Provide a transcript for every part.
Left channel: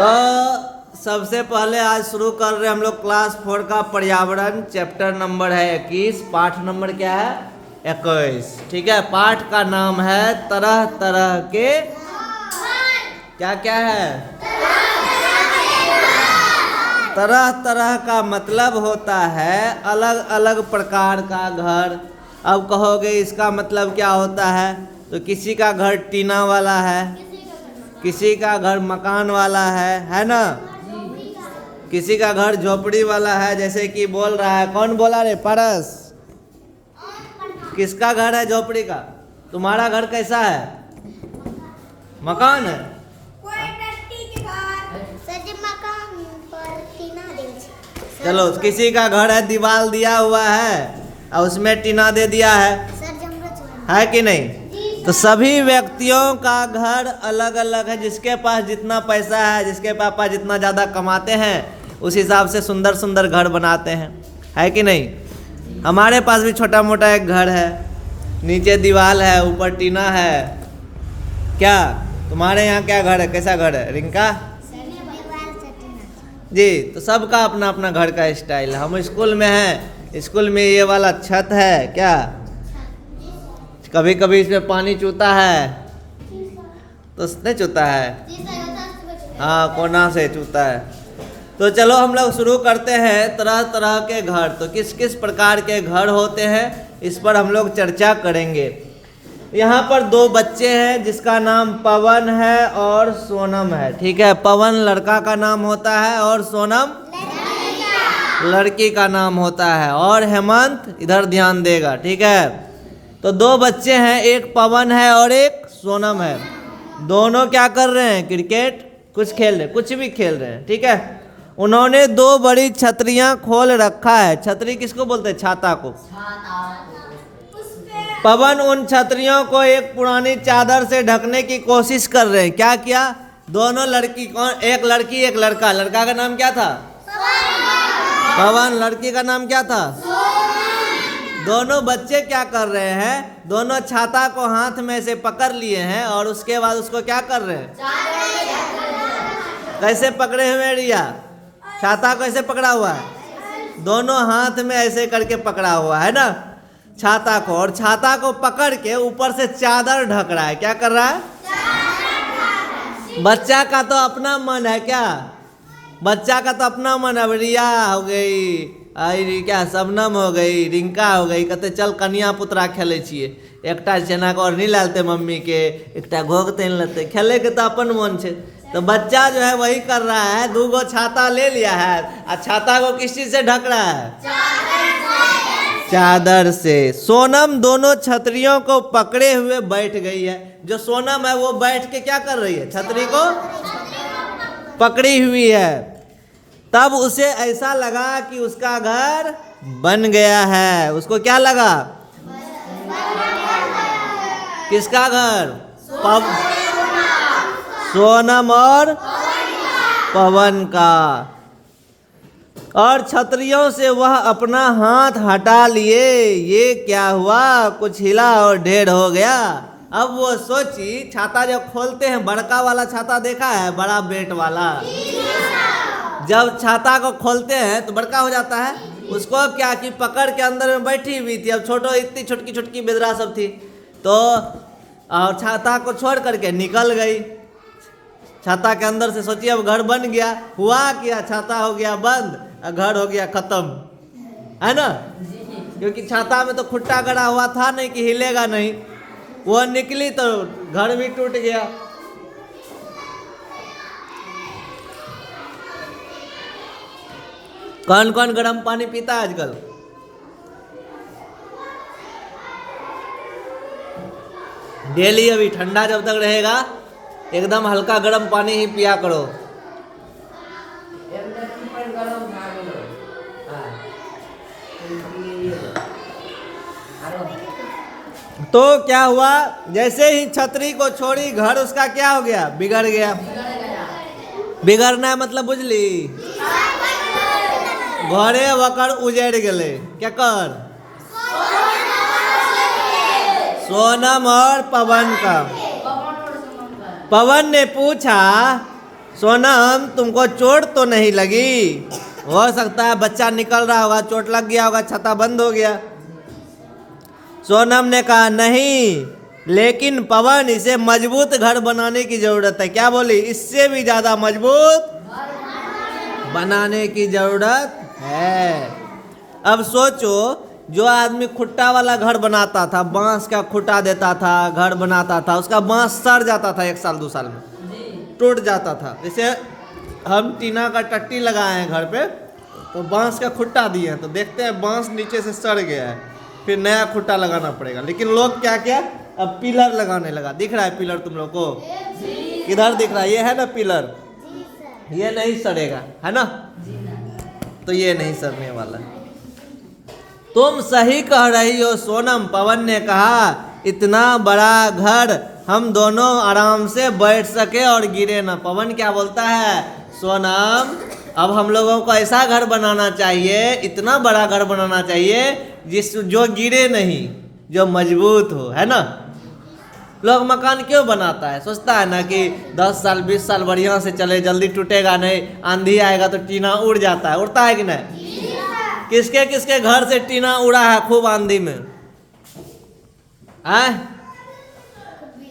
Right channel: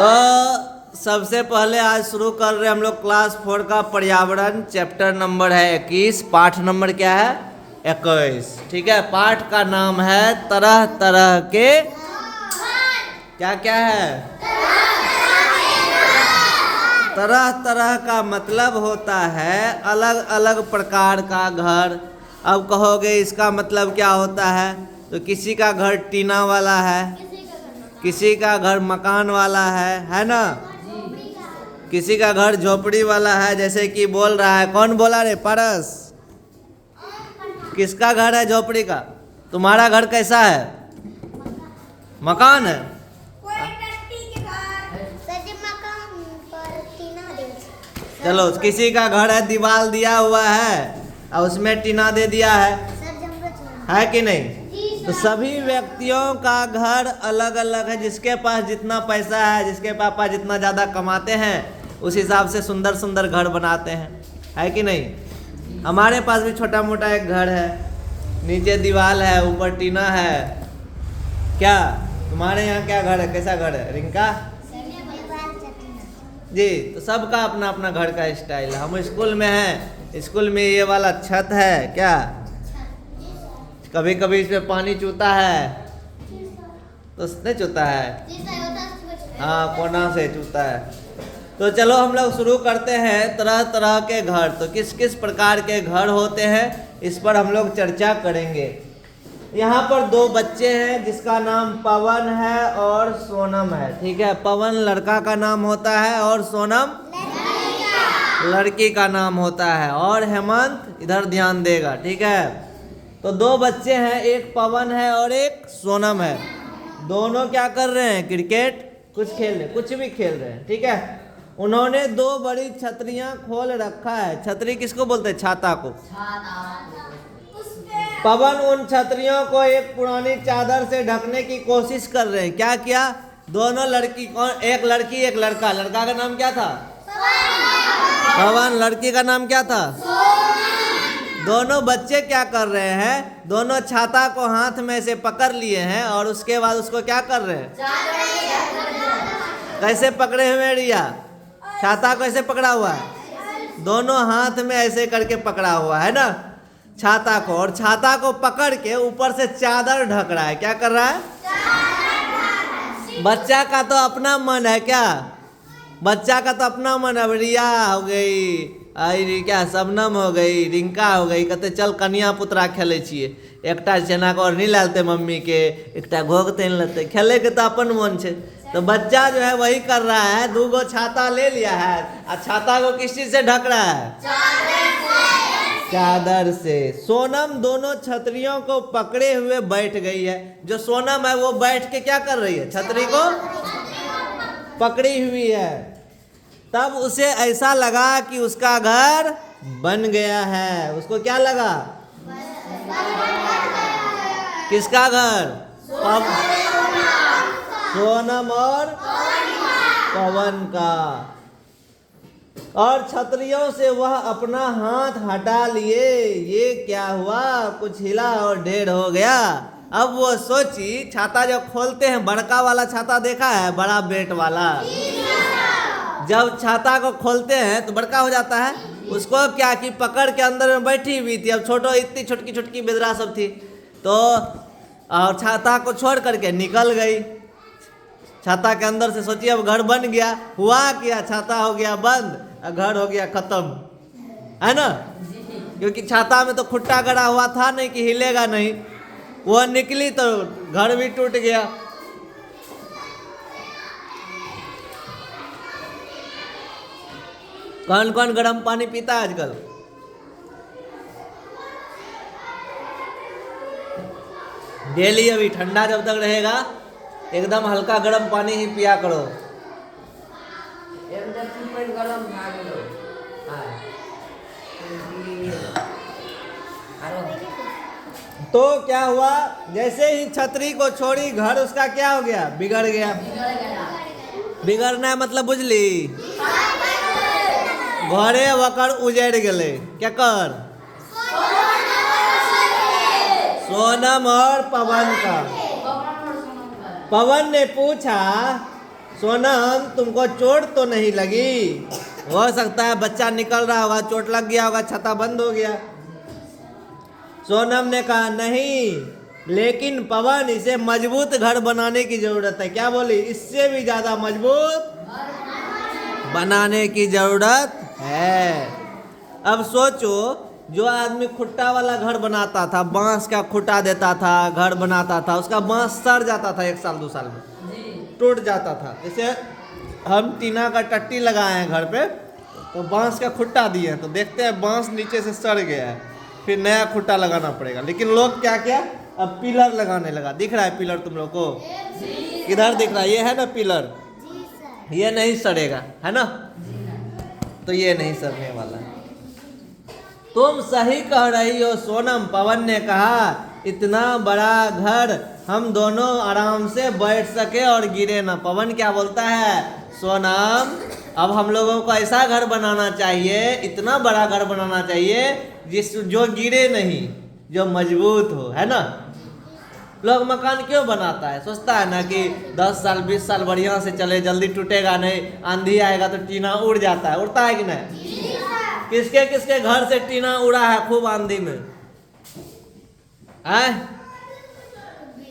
तो सबसे पहले आज शुरू कर रहे हैं हम लोग क्लास 4 का पर्यावरण। चैप्टर नंबर है 21, पाठ नंबर क्या है 21। ठीक है, पाठ का नाम है तरह तरह के क्या क्या है। तरह तरह का मतलब होता है अलग अलग प्रकार का घर। अब कहोगे इसका मतलब क्या होता है, तो किसी का घर टीना वाला है, किसी का घर मकान वाला है ना, किसी का घर झोपड़ी वाला है। जैसे कि बोल रहा है, कौन बोला रे परस, किसका घर है झोपड़ी का? तुम्हारा घर कैसा है? मकान है। चलो, किसी का घर है दीवार दिया हुआ है और उसमें टीना दे दिया है कि नहीं? तो सभी व्यक्तियों का घर अलग अलग है। जिसके पास जितना पैसा है, जिसके पापा जितना ज़्यादा कमाते हैं, उस हिसाब से सुंदर सुंदर घर बनाते हैं, है कि नहीं? हमारे पास भी छोटा मोटा एक घर है, नीचे दीवार है, ऊपर टीना है। क्या तुम्हारे यहाँ क्या घर है, कैसा घर है रिंका जी? तो सबका अपना अपना घर का स्टाइल है। हम स्कूल में हैं, स्कूल में ये वाला छत है क्या, कभी कभी इसमें पानी चूता है, तो नहीं चूता है, हाँ कोना से चूता है। तो चलो हम लोग शुरू करते हैं तरह तरह के घर। तो किस किस प्रकार के घर होते हैं इस पर हम लोग चर्चा करेंगे। यहाँ पर दो बच्चे हैं जिसका नाम पवन है और सोनम है। ठीक है, पवन लड़का का नाम होता है और सोनम लड़की का नाम होता है। और हेमंत इधर ध्यान देगा, ठीक है? तो दो बच्चे हैं, एक पवन है और एक सोनम है। दोनों क्या कर रहे हैं? क्रिकेट कुछ खेल रहे, कुछ भी खेल रहे हैं। ठीक है, उन्होंने दो बड़ी छतरियां खोल रखा है। छतरी किसको बोलते हैं? छाता को। पवन उन छतरियों को एक पुरानी चादर से ढकने की कोशिश कर रहे हैं। क्या किया? दोनों लड़की, एक लड़की एक लड़का। लड़का का नाम क्या था? पवन। लड़की का नाम क्या था? दोनों बच्चे क्या कर रहे हैं? दोनों छाता को हाथ में से पकड़ लिए हैं और उसके बाद उसको क्या कर रहे हैं? कैसे पकड़े हुए रिया? छाता को ऐसे पकड़ा हुआ है, दोनों हाथ में ऐसे करके पकड़ा हुआ है ना छाता को, और छाता को पकड़ के ऊपर से चादर ढक रहा है। क्या कर रहा है? बच्चा का तो अपना मन है क्या? बच्चा का तो अपना मन है। रिया हो गई, आई क्या शबनम हो गई, रिंका हो गई, कहते चल कन्या पुत्रा खेले छिए, एकटा चना को और नहीं लालते मम्मी के, एकटा घोग तेन लेते, खेले के तो अपन मन छे। तो बच्चा जो है वही कर रहा है, दो गो छाता ले लिया है और छाता को किस चीज से ढक रहा है? चादर से। सोनम दोनों छतरियों को पकड़े हुए बैठ गई है। जो सोनम है वो बैठ के क्या कर रही है? छतरी को पकड़ी हुई है। तब उसे ऐसा लगा कि उसका घर बन गया है। उसको क्या लगा? किसका घर? सोनम और पवन का। और छतरियों से वह अपना हाथ हटा लिए। ये क्या हुआ? कुछ हिला और ढेर हो गया। अब वो सोची, छाता जब खोलते हैं, बड़का वाला छाता देखा है, बड़ा बेट वाला, जब छाता को खोलते हैं तो बड़का हो जाता है। उसको क्या कि पकड़ के अंदर में बैठी हुई थी। अब छोटो इतनी छोटकी छोटकी बेदरा सब थी, तो और छाता को छोड़ करके निकल गई छाता के अंदर से। सोचिए अब घर बन गया। हुआ क्या? छाता हो गया बंद और घर हो गया खत्म, है ना? क्योंकि छाता में तो खुट्टा गड़ा हुआ था नहीं कि हिलेगा नहीं। वो निकली तो घर भी टूट गया। कौन कौन गर्म पानी पीता है आजकल? डेली अभी ठंडा जब तक रहेगा एकदम हल्का गर्म पानी ही पिया करो। तो क्या हुआ? जैसे ही छतरी को छोड़ी, घर उसका क्या हो गया? बिगड़ गया। बिगड़ना मतलब बुझली? घरे वकर उजड़ गए। क्या कर? सोनम और पवन का। पवन ने पूछा सोनम तुमको चोट तो नहीं लगी? हो सकता है बच्चा निकल रहा होगा, चोट लग गया होगा, छत्ता बंद हो गया। सोनम ने कहा नहीं, लेकिन पवन इसे मजबूत घर बनाने की जरूरत है। क्या बोली? इससे भी ज्यादा मजबूत बनाने की जरूरत है। अब सोचो, जो आदमी खुट्टा वाला घर बनाता था, बांस का खुट्टा देता था, घर बनाता था, उसका बांस सड़ जाता था 1 साल 2 साल में, टूट जाता था। जैसे हम टीना का टट्टी लगाए हैं घर पे, तो बांस का खुट्टा दिए हैं, तो देखते हैं बांस नीचे से सड़ गया है, फिर नया खुट्टा लगाना पड़ेगा। लेकिन लोग क्या किया, अब पिलर लगाने लगा। दिख रहा है पिलर तुम लोग को? किधर दिख रहा है? ये है ना पिलर, ये नहीं सड़ेगा, है ना? तो ये नहीं सड़ने वाला है। तुम सही कह रही हो सोनम, पवन ने कहा। इतना बड़ा घर हम दोनों आराम से बैठ सके और गिरे ना। पवन क्या बोलता है? सोनम, अब हम लोगों को ऐसा घर बनाना चाहिए, इतना बड़ा घर बनाना चाहिए जो गिरे नहीं, जो मजबूत हो, है ना? लोग मकान क्यों बनाता है? सोचता है ना कि 10 साल 20 साल बढ़िया से चले, जल्दी टूटेगा नहीं, आंधी आएगा तो टीना उड़ जाता है। उड़ता है कि नहीं? किसके किसके घर से टीना उड़ा है खूब आंधी में?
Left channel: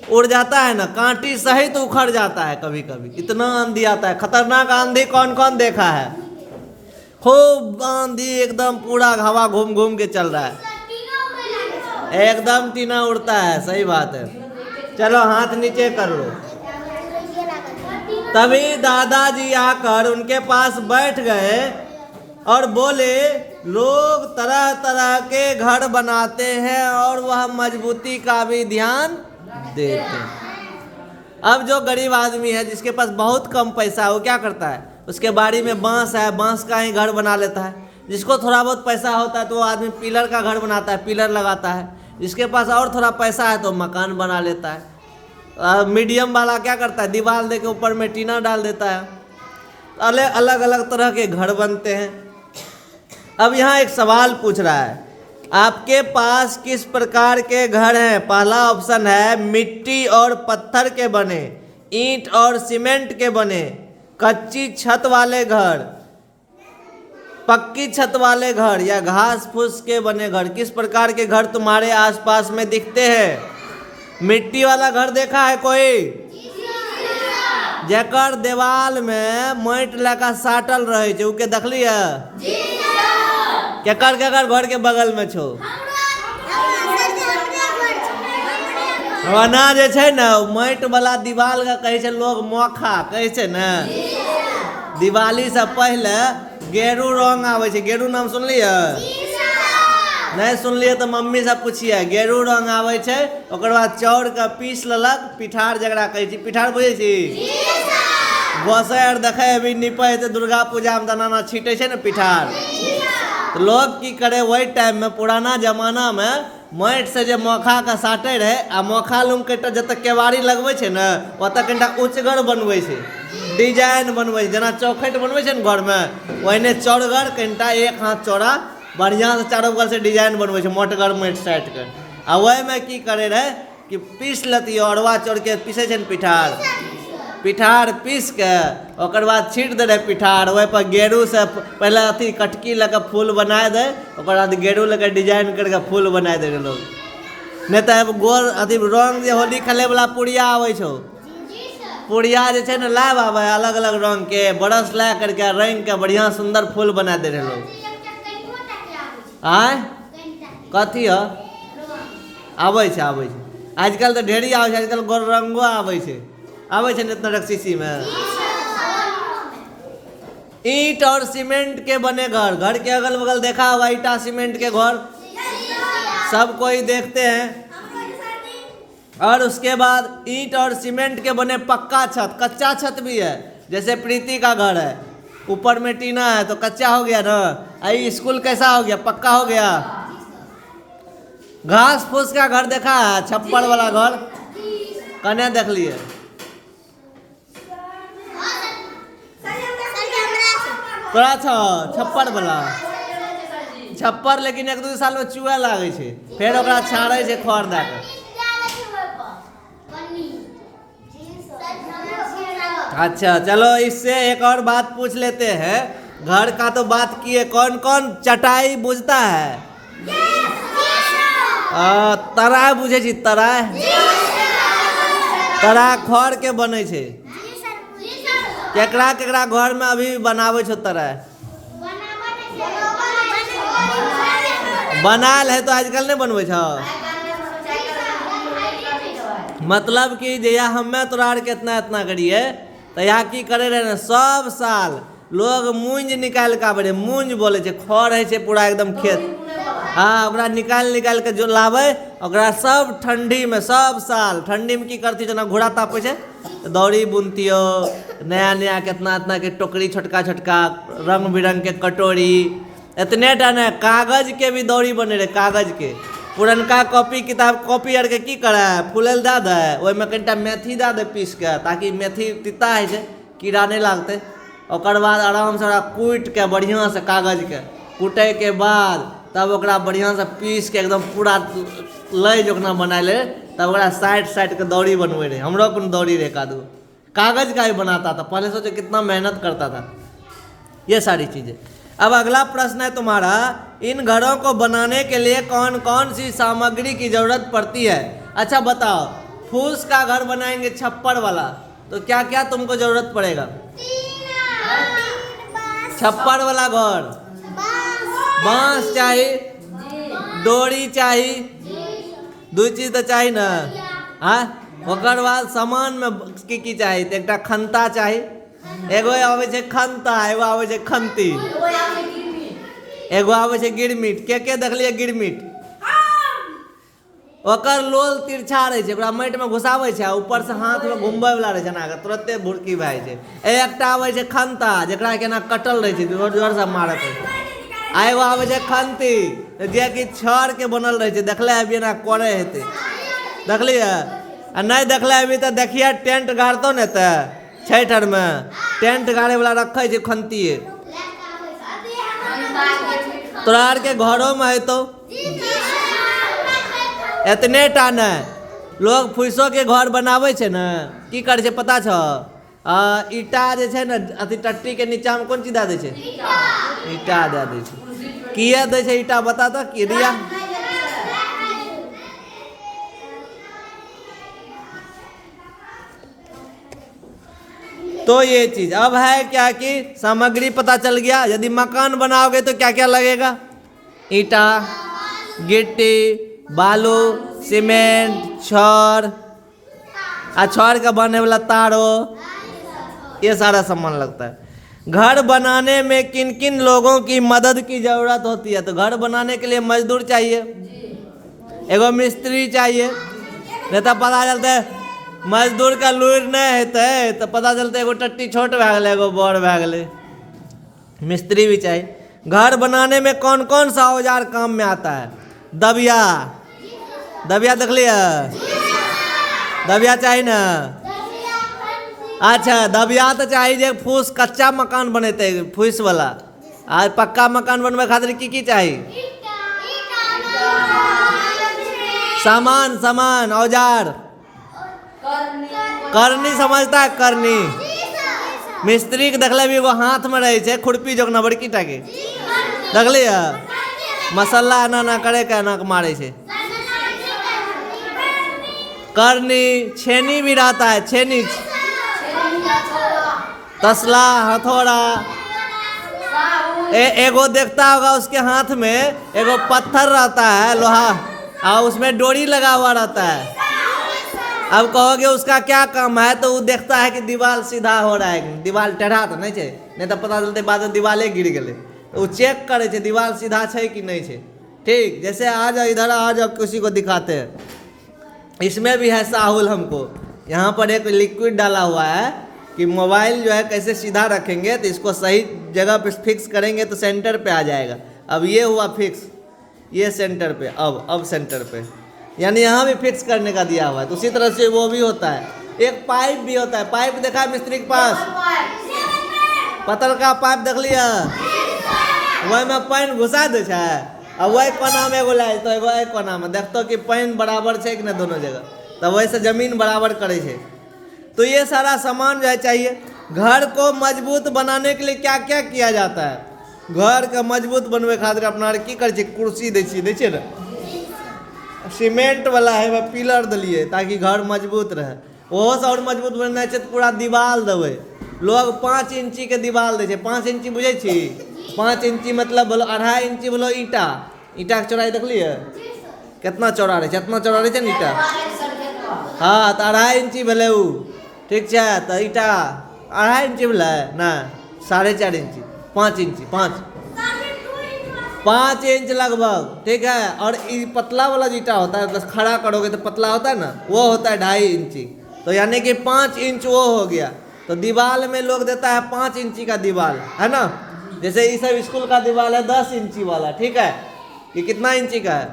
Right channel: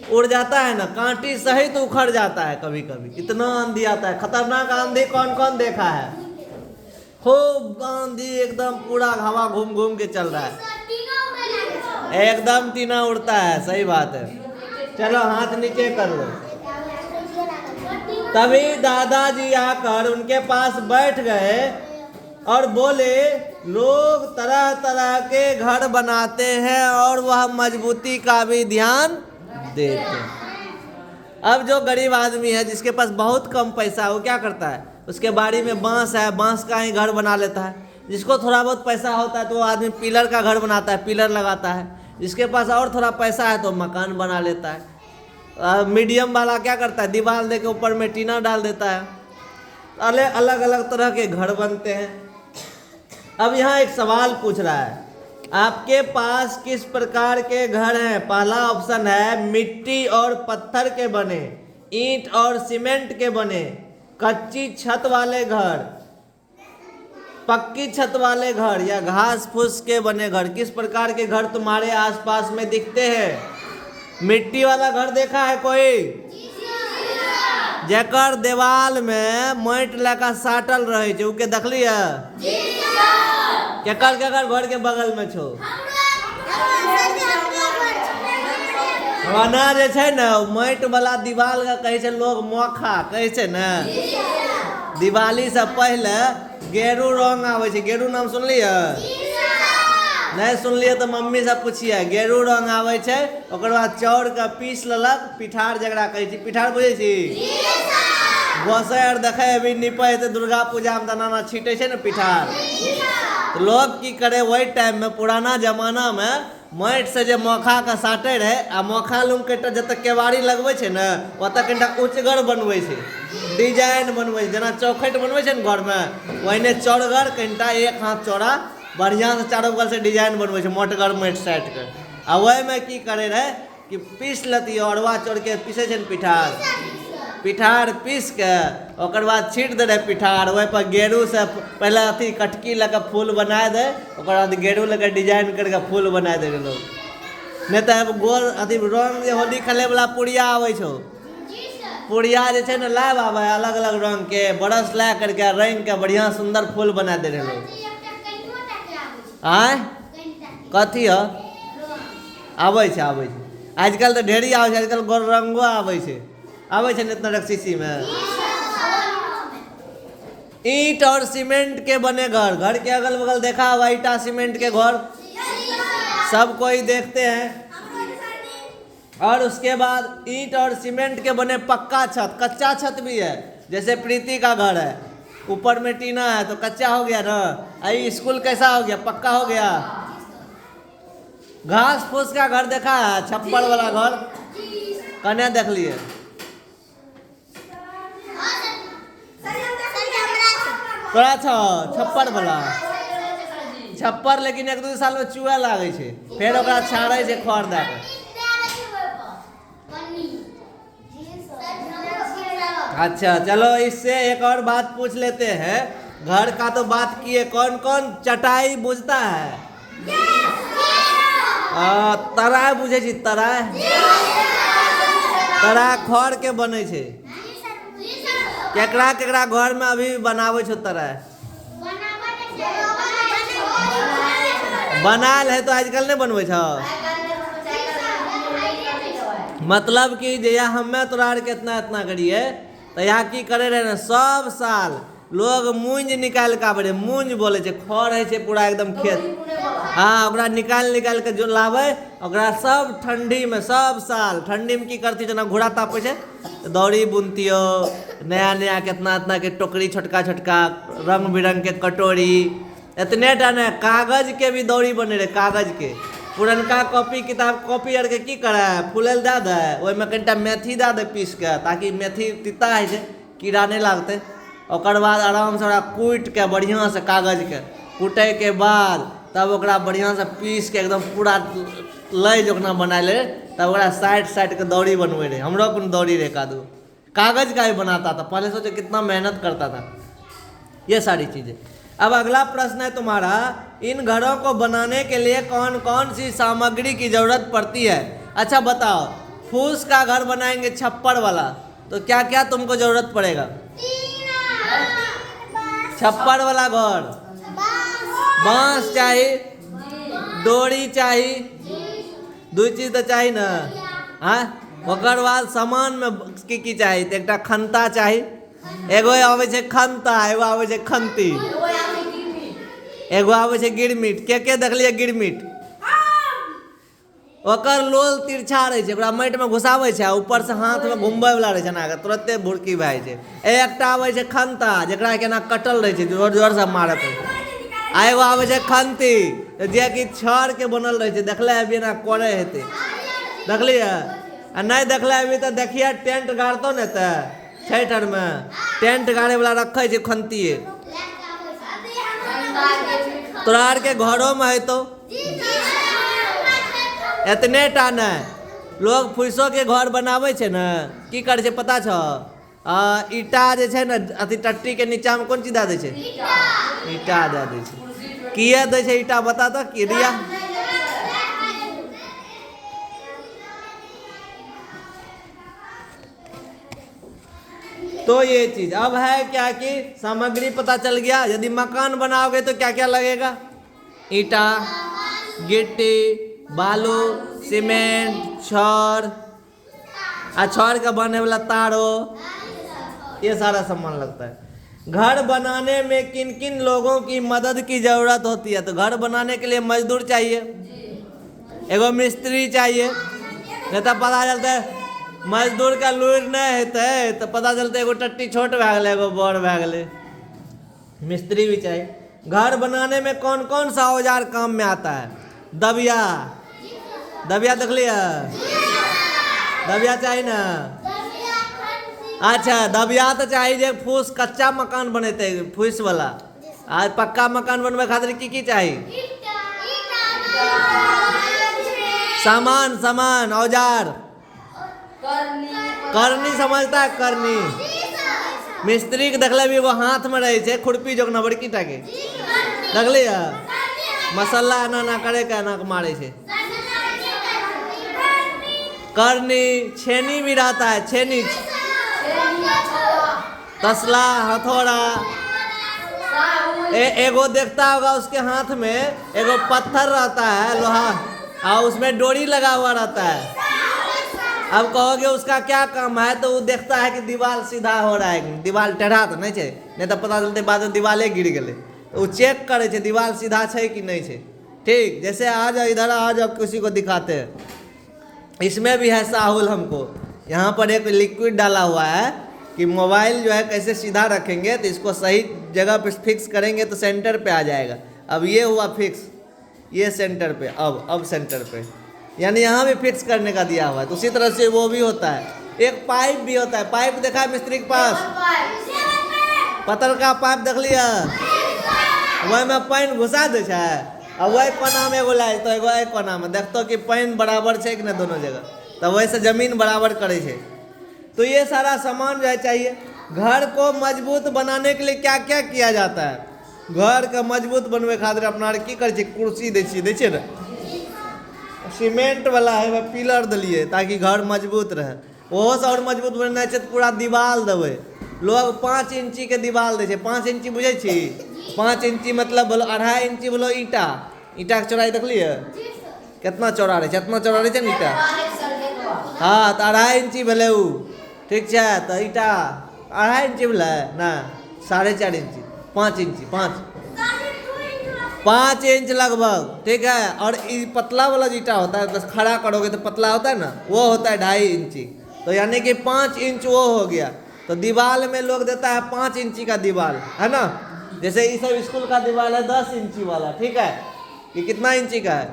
उड़ जाता है ना, कांटी सहित तो उखड़ जाता है कभी कभी, इतना आंधी आता है। खतरनाक आंधी कौन कौन देखा है? खूब आंधी, एकदम पूरा हवा घूम घूम के चल रहा है, एकदम टीना उड़ता है। सही बात है। चलो हाथ नीचे कर लो। तभी दादाजी आकर उनके पास बैठ गए और बोले, लोग तरह तरह के घर बनाते हैं और वह मजबूती का भी ध्यान देते हैं। अब जो गरीब आदमी है, जिसके पास बहुत कम पैसा है, वो क्या करता है? उसके बाड़ी में बांस है, बांस का ही घर बना लेता है। जिसको थोड़ा बहुत पैसा होता है तो वो आदमी पिलर का घर बनाता है, पिलर लगाता है। जिसके पास और थोड़ा पैसा है तो मकान बना लेता है। मीडियम वाला क्या करता है? दीवार दे के ऊपर में टीना डाल देता है। अलग अलग तरह के घर बनते हैं। अब यहाँ एक सवाल पूछ रहा है, आपके पास किस प्रकार के घर हैं? पहला ऑप्शन है मिट्टी और पत्थर के बने, ईंट और सीमेंट के बने, कच्ची छत वाले घर, पक्की छत वाले घर, या घास फूस के बने घर। किस प्रकार के घर तुम्हारे आसपास में दिखते हैं? मिट्टी वाला घर देखा है कोई? जेकर देवाल में माटि लगा साटल रहे छे, उके देखली है? केकर केकर घर के बगल में छो? वना जे छै ना, माटि वाला दीवाल का कहे छै लोग मोखा कहे छै ना। दिवाली से पहले गेरू रंग आवे छै। गेरू नाम सुनलिए? नहीं सुनलिए तो मम्मी से पूछिए। गेरू रंग आवे छै, ओकर बाद चाउर का पीस लेलक, पिठार जकरा कहे छी। पिठार बुझे छी? गोसाई आर देखे अभी निपे तो दुर्गा पूजा में नाना छीटे छै ना पिठार। तो लोग की करे, वही टाइम में पुराना जमाना में माटि से जो मोखा का साटे रहे, आ मोखा लूम के जत केवाड़ी लगवे छे ना, ओतऽ कनिटा उचगर बनवे छे, डिजाइन बनवे छे। जेना चौखट बनवे छे ना घर में, वही चौड़गर कनिटा 1 हाथ चौड़ा बढ़िया से चारों बगल से डिजाइन बनवे छे, मोटगर माटि साटि के। आ वही में की करे रहे कि पीस लेतियो, अरवा चाउर के पीसे छे पिठार, पिठार पीस के ओकर बाद छीट दे रहे पिठार। वही पर गेरू से पहले अथी कटकी लगा फूल बना दे, ओकर बाद गेरू लगा डिजाइन करके फूल बना दे लोग। नहीं तो गोल अथी रंग जे होली खेले वाला पुड़िया आवे छो, पुड़िया जे छे ना लाभ आवे अलग अलग रंग के, बरस ला करके रंग के बढ़िया सुंदर फूल बना दे रहे लोग। आय कथी है? आवे छे आवे छे, आजकल तो ढेरी आवे छे, आजकल गोल रंगो आवे छे, आवे छे इतना रक्सीसी में। ईंट और सीमेंट के बने घर, घर के अगल बगल देखा होगा ईटा सीमेंट के घर, सब कोई देखते हैं। और उसके बाद ईंट और सीमेंट के बने पक्का छत, कच्चा छत भी है। जैसे प्रीति का घर है, ऊपर में टीना है तो कच्चा हो गया ना। आई स्कूल कैसा हो गया? पक्का हो गया। घास फूस का घर देखा है? छप्पर वाला घर कने देख लिए? तोरा छो छप्पर वाला छप्पर, लेकिन 1-2 साल में चूहा लागे छे, फिर ओकरा छाड़े छे खड़ दे के। अच्छा चलो, इससे एक और बात पूछ लेते हैं। घर का तो बात किए, कौन कौन चटाई बुझता है? तराय बुझे छी? तराय खड़ के बने छे। केकरा केकरा घर में अभी बनावे छो तराय? बनाल है तो आजकल नहीं बनवे छो। मतलब कि जया हमें तोरा के इतना करिए तो यहाँ की करे रहे ना, सब साल लोग मूंज निकाल के आवे रहे। मूंज बोले छे, खड़ है छे पूरा एकदम खेत। हाँ, ओकरा निकाल के जो लावे, ओकरा सब ठंडी में, सब साल ठंडी में की करती जना घोड़ा तापे छे, दौड़ी बुनतियो, नया कितना के टोकरी, छोटका रंग बिरंग के कटोरी, इतने टा ने कागज के भी दौड़ी बने रहे। कागज के पुरनका कॉपी आर के की करे, फूलल दे दे, ओहिमे कनिटा मेथी दे दे पीस के, ताकि मेथी तीता है छे, कीड़ा नहीं लागते। ओकर बाद आराम से ओकरा कूट के बढ़िया से कागज के कूटे के बाद तब ओकरा बढ़िया से पीस के एकदम पूरा लय जोकना बना ले, तब ओकरा साइड के दौड़ी बनवे रहे। हमरो अपन दौड़ी रहे कादू, कागज का ही बनाता था। पहले सोचो कितना मेहनत करता था। ये सारी चीजें। अब अगला प्रश्न है तुम्हारा, इन घरों को बनाने के लिए कौन कौन सी सामग्री की जरूरत पड़ती है? अच्छा बताओ, फूस का घर बनाएंगे छप्पड़ वाला, तो क्या क्या तुमको जरूरत पड़ेगा? छप्पड़ वाला घर, बांस चाहिए, डोरी चाहिए, दो चीज तो चाहिए ना। हाँ, ओकर बाद सामान में की चाहिए? तो एक खंता चाहिए, एगो आवे छे खंता, एगो आवे छे खंती, एगो आवे छे गिरमिट। के देखलिए गिरमिट? ओकर लोल तिरछा रहे छे, ओकरा माटि में घुसावे छे, ऊपर से हाथ में घुमबे वाला रहे छे ना, तुरंते भुरकी भए जाए छे। एकटा आवे छे खंता, जेकरा केना कटल रहे छे, जोर से मारे पड़े। आ एगो आवे छे खंती, जे कि छड़ के बनल रहे छे। देखले अभी ना करे हेते, देखलिए? आ नहीं देखले अभी तो देखिए, टेंट गाड़तो ने ते छठ आर में टेंट गाड़े वाला रखे छे खंतीए। तोरा आर के घरों में है तो इतने टा ने लोग फूसो के घर बनावे छे ना, की करे छे पता छो? ईटा जे छे ना, अथी टट्टी के नीचा में कौन चीज दे छे? ईटा दे दे छे। किया दे छे ईटा, बता तो की दिया? तो ये चीज अब है क्या कि सामग्री पता चल गया। यदि मकान बनाओगे तो क्या क्या लगेगा? ईटा, गिट्टी, बालू, सीमेंट, छड़, छड़ का बनने वाला तारो, ये सारा सामान लगता है। घर बनाने में किन किन लोगों की मदद की जरूरत होती है? तो घर बनाने के लिए मजदूर चाहिए, एगो मिस्त्री चाहिए। नहीं तो पता चलता है मजदूर का लूर नहीं हेते तो पता चलता एगो टट्टी छोट भए गेलै, एगो बड़ भए गेलै। मिस्त्री भी चाहिए। घर बनाने में कौन कौन सा औजार काम में आता है? दबिया, दबिया देख लिया? दबिया चाहिए ना? अच्छा, दबिया तो चाहिए। फूस कच्चा मकान बनेते फूस वाला, आज पक्का मकान बनवे खातिर की चाहिए? सामान औजार। करनी समझता है? करनी मिस्त्री के देखले भी एगो हाथ में रहे छे, खुरपी जोकना बड़की टा के, देखलिए? मसाला ना करे के ना मारे छे। करनी, छेनी भी रहता है, छेनी, तसला, हथौड़ा। एगो देखता होगा उसके हाथ में एगो पत्थर रहता है, लोहा, और उसमें डोरी लगा हुआ रहता है। अब कहोगे उसका क्या काम है, तो वो देखता है कि दीवार सीधा हो रहा है, दीवार टेढ़ा तो नहीं है, नहीं तो पता चलते बाद में दीवारे गिर गए, तो वो चेक करे छे दीवार सीधा है कि नहीं है। ठीक, जैसे आ जाओ इधर, आ जाओ, किसी को दिखाते हैं। इसमें भी है साहुल। हमको यहाँ पर एक लिक्विड डाला हुआ है कि मोबाइल जो है कैसे सीधा रखेंगे, तो इसको सही जगह पे फिक्स करेंगे तो सेंटर पे आ जाएगा। अब ये हुआ फिक्स, ये सेंटर पे, अब सेंटर पे, यानी यहाँ भी फिक्स करने का दिया हुआ है। तो उसी तरह से वो भी होता है। एक पाइप भी होता है। पाइप देखा है मिस्त्री के पास? पतल का पाइप देख लिया? वही में पानी घुसा दे छे, और वही कोना में एगो लाए तो एगो कोना में देखतो कि पानी बराबर है कि नहीं दोनों जगह, तो वैसे जमीन बराबर करे छे। तो ये सारा सामान जो है चाहिए। घर को मजबूत बनाने के लिए क्या क्या किया जाता है? घर के मजबूत बनवे खातिर अपना की कर कुर्सी दै छियै ना, सीमेंट वाला है वह पिलर दिलिए ताकि घर मजबूत रहे। ओहो से और मजबूत बनना है तो पूरा दीवार देवे। लोग 5 इंची के दीवार दे 5 इंची बुझे छी? 5 इंची मतलब बोलो 2.5 इंची बोलो ईटा। ईटा के चौड़ाई देख लिए कितना चौड़ा रहे, इतना चौड़ा रहे ना ईटा। हाँ तो 2.5 इंची भेले उ, ठीक है। तो ईटा 2.5 इंची भेले ना, 4.5 इंची, 5 इंची, 5 इंच लगभग, ठीक है। और ये पतला वाला ईटा होता है, बस खड़ा करोगे तो पतला होता है ना, वो होता है 2.5 इंची। तो यानी कि 5 इंच वो हो गया। तो दीवार में लोग देता है 5 इंची का दीवार, है ना। जैसे ये सब स्कूल का दीवार है 10 इंची वाला, ठीक है। ये कितना इंची का है?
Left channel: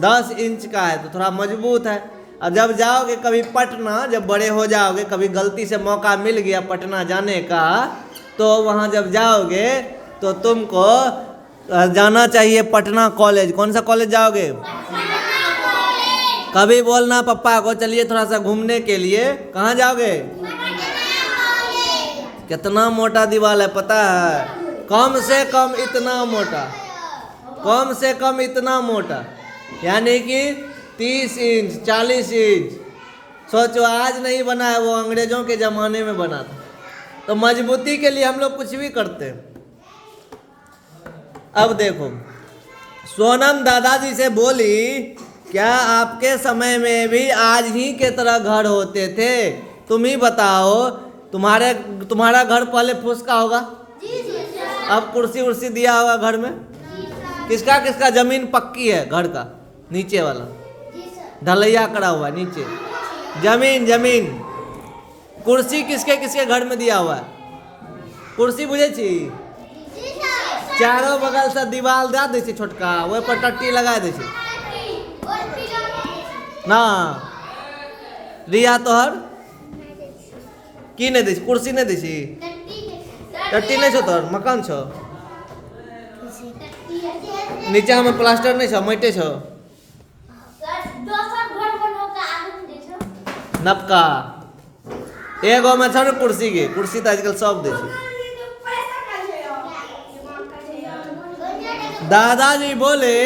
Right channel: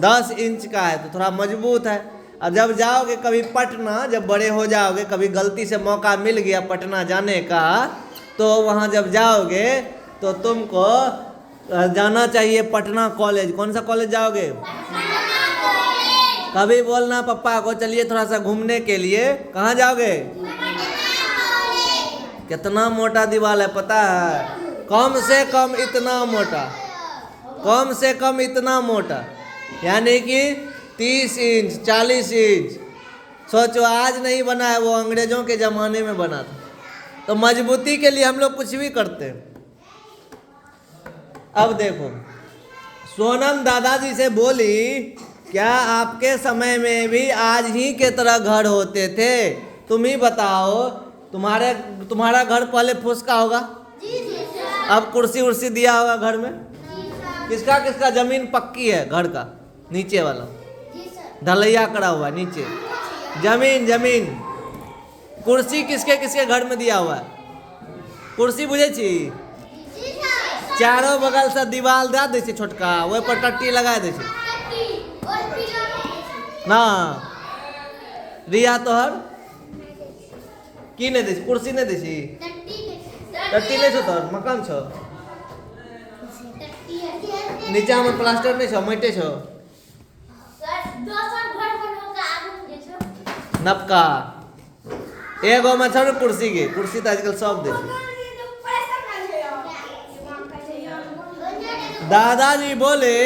10 इंच का है, तो थोड़ा मजबूत है। अब जब जाओगे कभी पटना, जब बड़े हो जाओगे, कभी गलती से मौका मिल गया पटना जाने का, तो वहाँ जब जाओगे तो तुमको जाना चाहिए पटना कॉलेज। कौन सा कॉलेज जाओगे? कभी बोलना पापा को चलिए थोड़ा सा घूमने के लिए। कहाँ जाओगे? कितना मोटा दीवार है पता है? कम से कम इतना मोटा, कम से कम इतना मोटा, यानी कि 30 इंच 40 इंच। सोचो आज नहीं बना है, वो अंग्रेजों के ज़माने में बना था। तो मजबूती के लिए हम लोग कुछ भी करते हैं। अब देखो, सोनम दादाजी से बोली क्या आपके समय में भी आज ही के तरह घर होते थे? तुम ही बताओ, तुम्हारा घर पहले फुसका होगा, अब कुर्सी उर्सी दिया होगा घर में। किसका किसका जमीन पक्की है घर का? नीचे वाला ढलैया करा हुआ है नीचे, जमीन। कुर्सी किसके किसके घर में दिया हुआ है? कुर्सी बुझे छी? चारों बगल से दीवार दे दे छोटका, वही पर टट्टी लगा दे ना। रिया तोहर की नहीं दी? कुर्सी नहीं दी? टट्टी नहीं छो तोहर? मकान छो? नीचा में प्लास्टर नहीं छो, माटे छो? नपका एगो में छो कुर्सी के। कुर्सी तो आजकल सब दे छो। दादाजी बोले,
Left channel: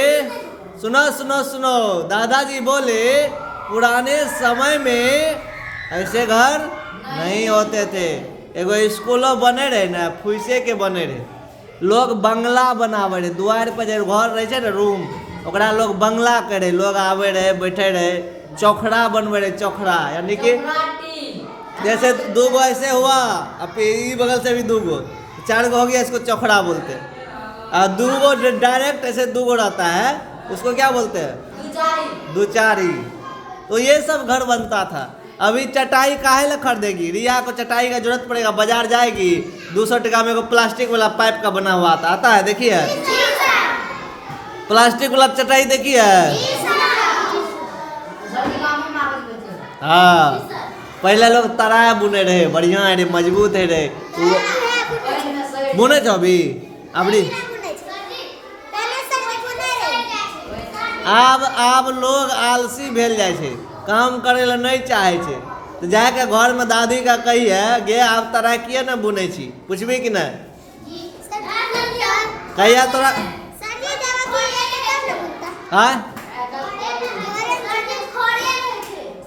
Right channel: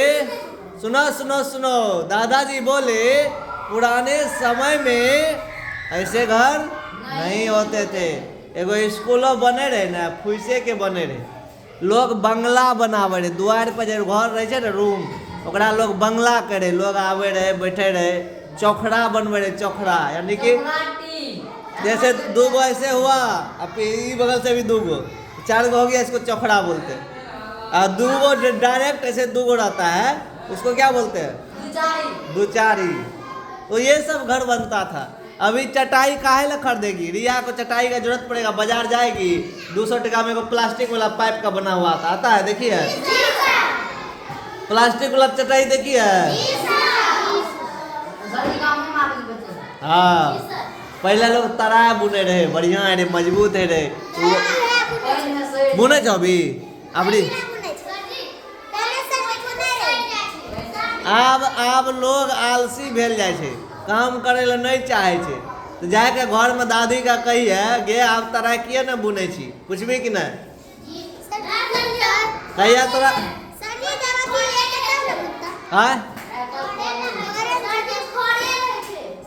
सुनो, दादाजी बोले पुराने समय में ऐसे घर नहीं होते थे। एगो स्कूलों बने रहे ना, फुइसे के बने रहे। लोग बंगला बनावे रहे, द्वार पर जो घर रहे छे ना रूम, ओकरा लोग बंगला करे। लोग आवे रहे, बैठे रहे, चौखड़ा बनवे रहे। चौखड़ा यानी कि जैसे 2 गो ऐसे हुआ, अब ये बगल से भी 2 गो, 4 गो हो गया, इसको चौखड़ा बोलते हैं। और 2 गो डायरेक्ट ऐसे 2 गो रहता है, उसको क्या बोलते हैं? दुचारी। तो ये सब घर बनता था। अभी चटाई काहे ला खरीदेगी? रिया को चटाई का जरूरत पड़ेगा, बाजार जाएगी, 200 टका में प्लास्टिक वाला पाइप का बना हुआ आता है, देखिए प्लास्टिक वाला चटाई देखिए। हाँ, पहले लोग तराया बुने रहे, बढ़िया है रे, मजबूत है रे। बुने छो अभी आब लोग आलसी भेल जाए छे, काम करे ला नहीं चाहे छे। तो जाके घर में दादी का कही है गे आप तरह किए ना बुने छी, पूछबी कि नहीं? कहिया तोरा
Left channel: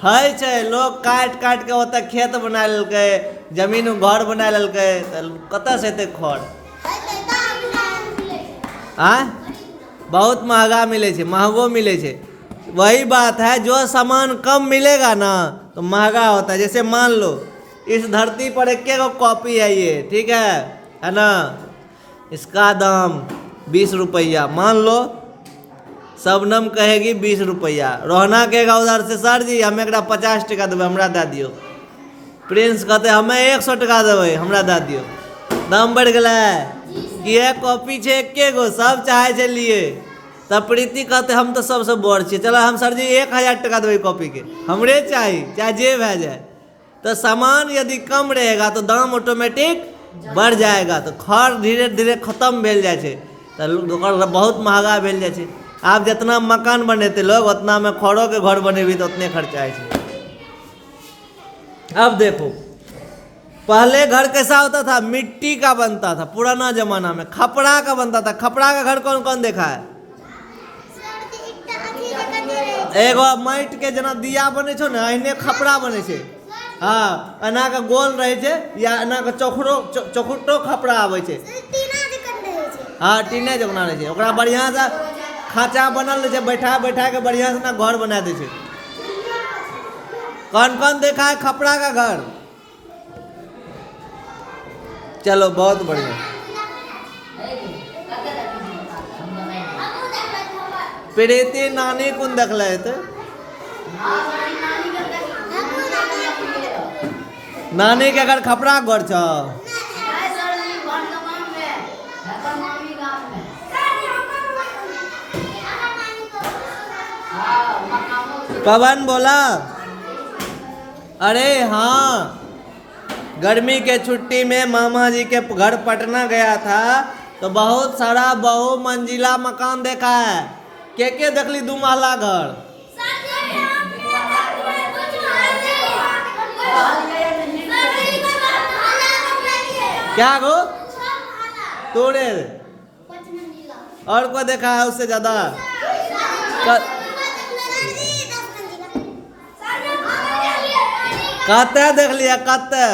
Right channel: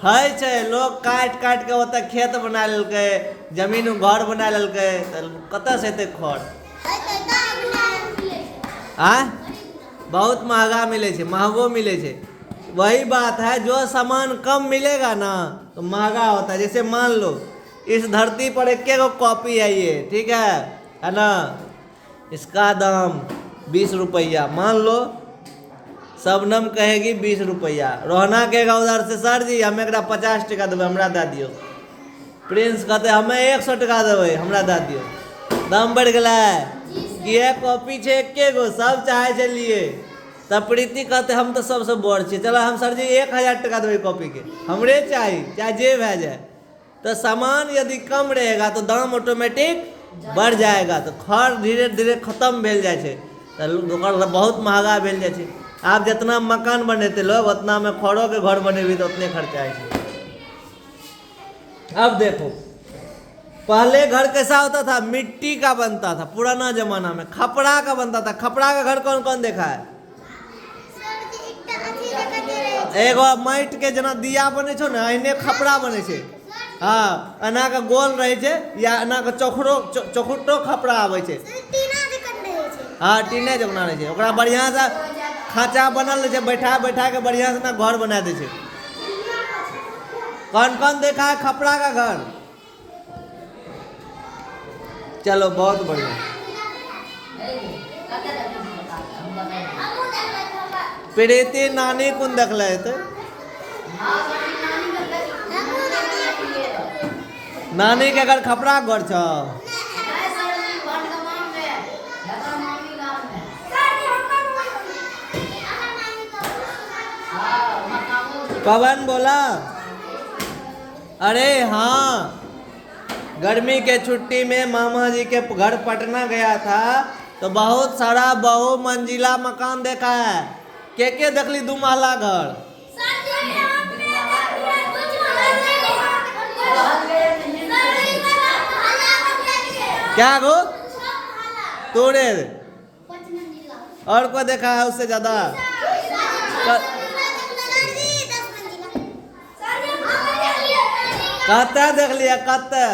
है छे। लोग काट के ओतऽ खेत बना लेलकै, जमीन में घर बना लेलकै, कतऽ से एते खड़? बहुत महंगा मिले छे, महंगो मिले छे। वही बात है, जो सामान कम मिलेगा ना तो महंगा होता है। जैसे मान लो इस धरती पर एक कॉपी है ये, ठीक है ना, इसका दाम 20 रुपया मान लो। सबनम कहेगी 20 रुपया, रोहना कहेगा उधर से सर जी हमें 50 टका देवे, हमरा दे दियो। प्रिंस कहते हमें 100 टका देवे, हमरा दे दियो। दाम बढ़ गया ये कॉपी छे एके गो, सब चाहे छे लिए। तब प्रीति कहते हम तो सबसे बड़ छे, चलो हम सर जी 1000 टका देवे कॉपी के, हमरे चाहिए चाहे जे भे जाए। तो सामान यदि कम रहेगा तो दाम ऑटोमेटिक बढ़ जाएगा, तो खर धीरे धीरे खत्म भेल जाए छे, तो बहुत महंगा भेल जाए छे। आप जितना मकान बनेते लोग उतना में खरों के घर बनेबी तो उतने खर्चा है। अब देखो, पहले घर कैसा होता था, मिट्टी का बनता था, पुराना जमाना में खपड़ा का बनता था। खपड़ा का घर कौन कौन देखा है? एगो माइट के जना दिया बने छो ना, एहने खपड़ा बने छे। हाँ, एना का गोल रहे छे या एना का चौखुटो खपड़ा आवे छे। हाँ, टीने जगना रहे छे। ओकरा बढ़िया से खांचा बनल रहे छे, बैठा बैठा के बढ़िया से ना घर बना दे छे। कौन कौन देखा है खपड़ा का घर? चलो, बहुत बढ़िया। प्रीति नानी कुन देख ले थे? नानी के घर खपड़ा घर छ। कवन बोला? अरे हाँ, गर्मी के छुट्टी में मामा जी के घर पटना गया था तो बहुत सारा बहु मंजिला मकान देखा है। के देखली 2 महला घर? क्या गो? तोड़े और को देखा है उससे ज्यादा? कते देख लिया? कते?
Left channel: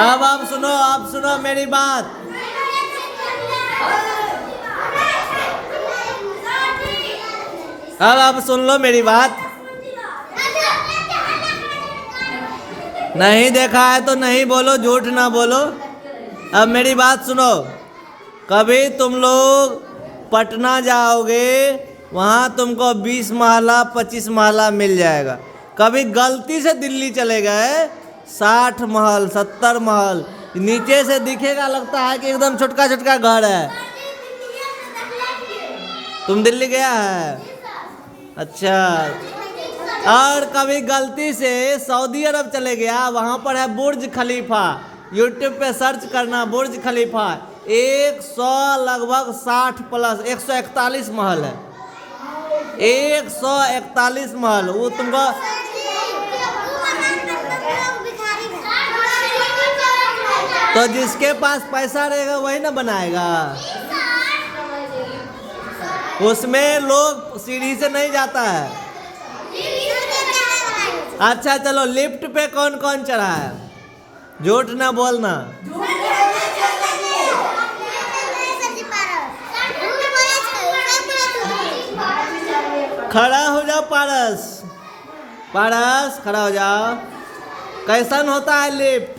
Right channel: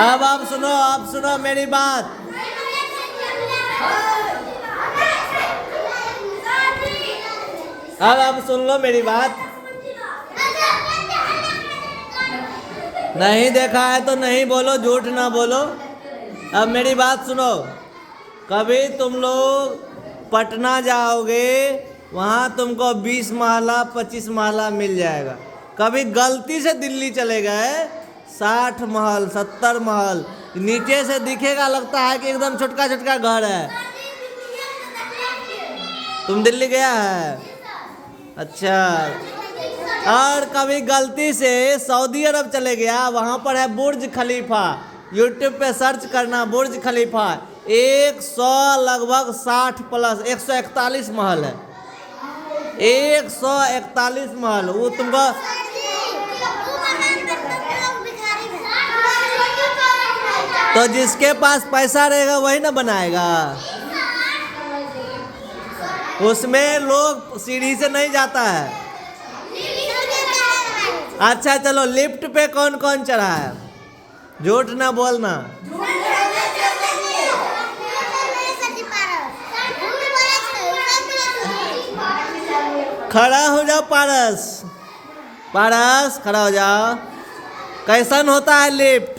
अब सुनो मेरी बात। अब सुन लो मेरी बात। नहीं देखा है तो नहीं बोलो, झूठ ना बोलो। अब मेरी बात सुनो, कभी तुम लोग पटना जाओगे, वहाँ तुमको 20 महला 25 महला मिल जाएगा। कभी गलती से दिल्ली चले गए, 60 महल 70 महल, नीचे से दिखेगा लगता है कि एकदम छोटका छोटका घर है। तुम दिल्ली गया है? अच्छा। और कभी गलती से सऊदी अरब चले गया, वहाँ पर है बुर्ज खलीफा। यूट्यूब पे सर्च करना बुर्ज खलीफा, 100 लगभग 60 प्लस 141 महल है। 141 महल। वो तुमको तो जिसके पास पैसा रहेगा वही ना बनाएगा। उसमें लोग सीढ़ी से नहीं जाता है। अच्छा चलो, लिफ्ट पे कौन कौन चढ़ा है? झूठ ना बोलना। खड़ा हो जाओ पारस, पारस खड़ा हो जाओ। कैसन होता है लिफ्ट?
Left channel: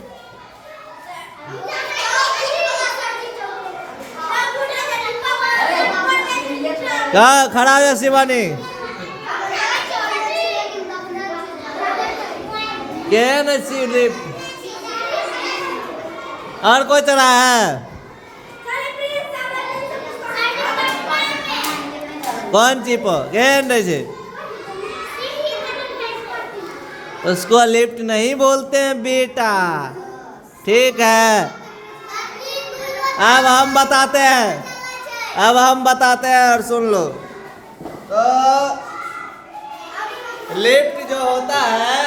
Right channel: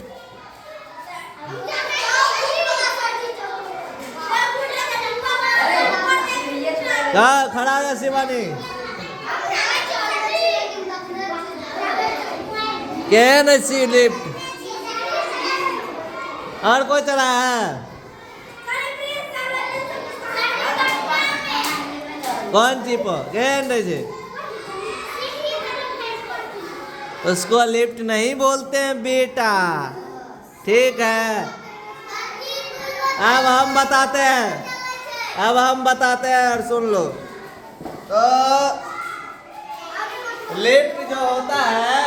खड़ा हो जा शिवानी। क्या नहीं लिफ्ट? और कोई चला है? कौन सी पर? उसको लिफ्ट नहीं बोलते हैं बेटा, ठीक है। अब हम बताते हैं और सुन लो। तो लिफ्ट जो होता है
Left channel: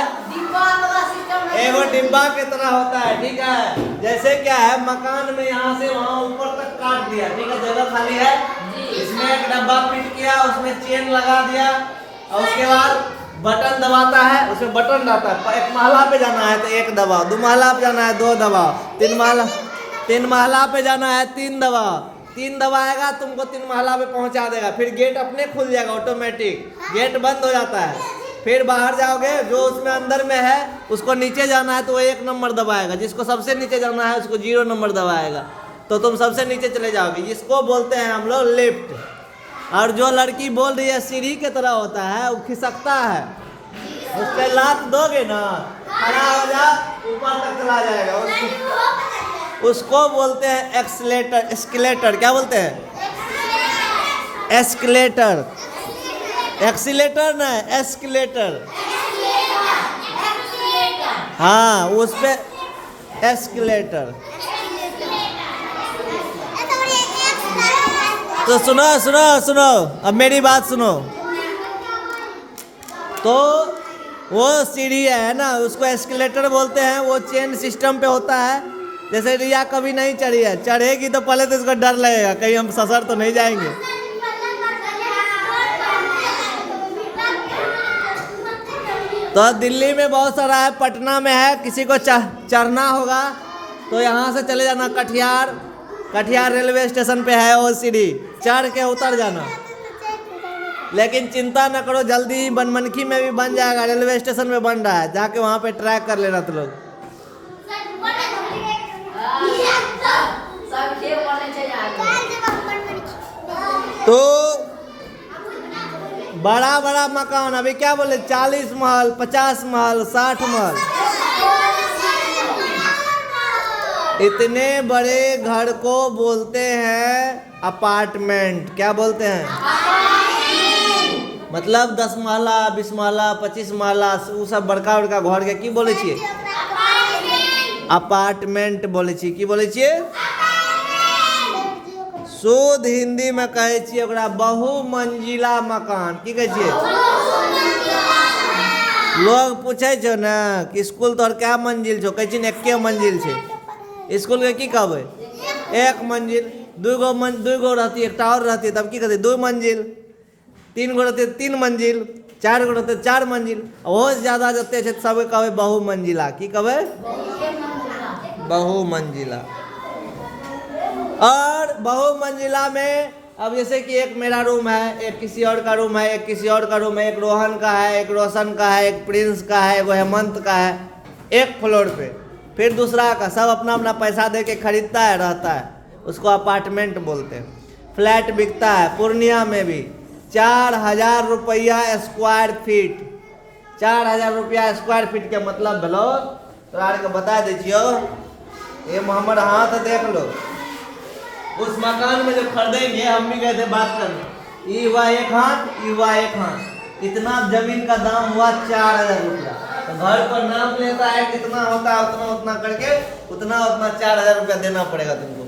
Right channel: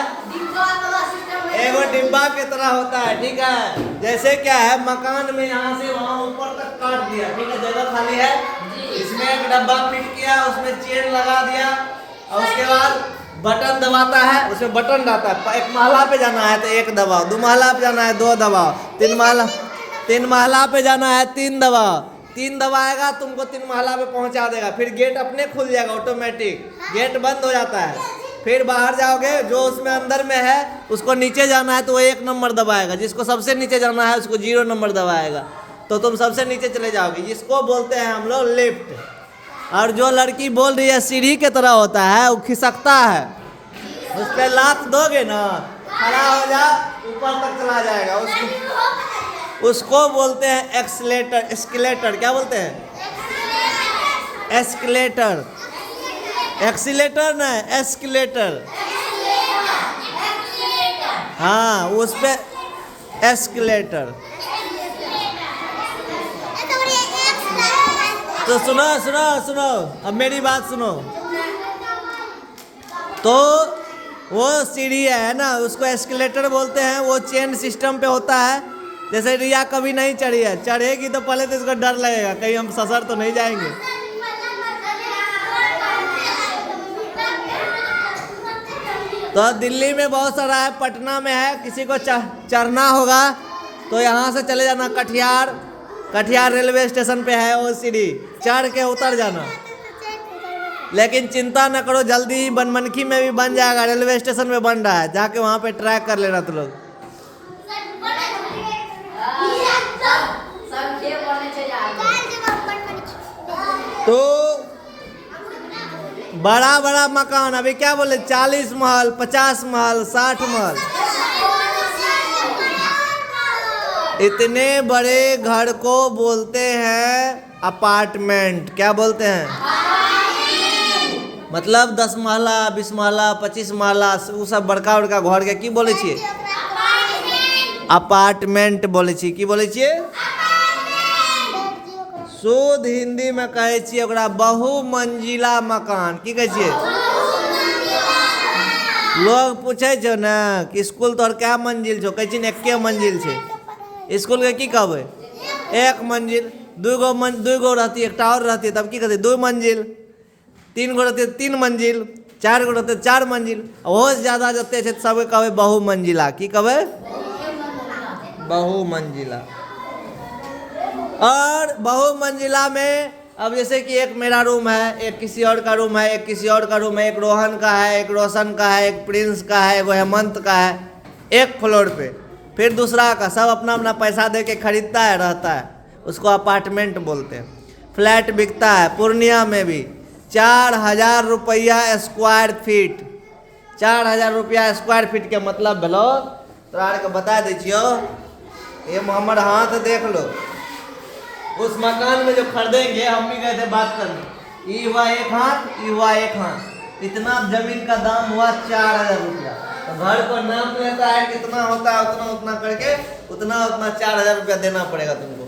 एगो डिब्बा के तरह होता है, ठीक है। जैसे क्या है, मकान में यहाँ से वहाँ ऊपर तक काट दिया, ठीक है, जगह खाली है, इसमें एक डब्बा फिट किया, उसमें चेन लगा दिया और उसके बाद बटन दबाता है, उसमें बटन डालता है। 1 महला पे जाना है तो 1 दबाओ, 2 महला पे जाना है 2 दबाओ, 3 महला पे जाना है 3 दबाओ। 3 दबाएगा तुमको 3 महला पे पहुंचा देगा। फिर गेट अपने खुल जाएगा, ऑटोमेटिक गेट बंद हो जाता है। फिर बाहर जाओगे, जो उसमें अंदर में है उसको नीचे जाना है तो वो 1 नंबर दबाएगा, जिसको सबसे नीचे जाना है उसको 0 नंबर दबाएगा, तो तुम सबसे नीचे चले जाओगे। इसको बोलते हैं हम लोग लिफ्ट। और जो लड़की बोल रही है सीढ़ी के तरह होता है, वो खिसकता है, उस पर लात दोगे ना, खड़ा हो जा, ऊपर तक चला जाएगा। उसको बोलते हैं एक्सीलेटर। एस्केलेटर क्या बोलते हैं? एस्केलेटर। एक्सीलेटर ना, एस्केलेटर। हाँ, उस पे एस्केलेटर। तो सुनो सुनो सुनो, अब मेरी बात सुनो। तो वो सीढ़ी है ना, उसको एस्केलेटर बोलते हैं। वो चेन सिस्टम पे होता है। जैसे रिया कभी नहीं चढ़ी है, चढ़ेगी तो पहले तो इसको डर लगेगा कहीं हम ससर तो नहीं जाएंगे। तो दिल्ली में बहुत सारा है, पटना में है। किसी को चढ़ना होगा तो यहाँ से चले जाना कटिहार रेलवे स्टेशन पे है वो सीढ़ी, चढ़ के उतर जाना। लेकिन चिंता न करो, जल्दी ही बनमनखी में भी बन जाएगा, रेलवे स्टेशन में बन रहा है, जाके वहाँ पे ट्रैक कर लेना तुम लोग। तो बड़ा बड़ा मकान, अभी क्या बोले, 40 महल, 50 महल, 60 महल, इतने बड़े घर को बोलते हैं अपार्टमेंट। क्या बोलते हैं? मतलब 10 महला, 20 महला, 25 महला, वो सब बड़का बड़का घर के की बोले छिए? अपार्टमेंट बोले छिए। की बोले छिए? शुद्ध हिंदी में कहे छिए ओकरा बहुमंजिला मकान। की कहे छिए? लोग पूछे छो ना कि स्कूल तोहर क्या मंजिल छो, कहे छिन एके मंजिल छे। स्कूल के की कहबे? एक मंजिल। दूगो रहती, एक टावर रहती, तब की कहते? 2 मंजिल। 3 गो रहते 3 मंजिल, 4 गो रहते 4 मंजिल। बहुत ज्यादा जते छे सब कहबे बहुमंजिला। की कहबे? बहुमंजिला। और बहुमंजिला में अब जैसे कि एक मेरा रूम है, एक किसी और का रूम है, एक किसी और का रूम है, एक रोहन का है, एक रोशन का है, एक प्रिंस का है, एक हेमंत का है, एक फ्लोर पे। फिर दूसरा का, सब अपना अपना पैसा दे के खरीदता है, रहता है, उसको अपार्टमेंट बोलते हैं। फ्लैट बिकता है पूर्णिया में भी 4000 रुपया स्क्वायर फीट। 4000 रुपया स्क्वायर फीट के मतलब भलो तोरा के बता दीजियो। ये हमारे हाथ देख लो, उस मकान में जो खरीदेंगे, हम भी गए थे बात करने, ये हुआ 1 हाथ, ये हुआ 1 हाथ, इतना जमीन का दाम हुआ 4000 रुपया। तो घर पर नाम लेता है, कितना होता है उतना उतना करके उतना 4000 रुपया देना पड़ेगा तुमको।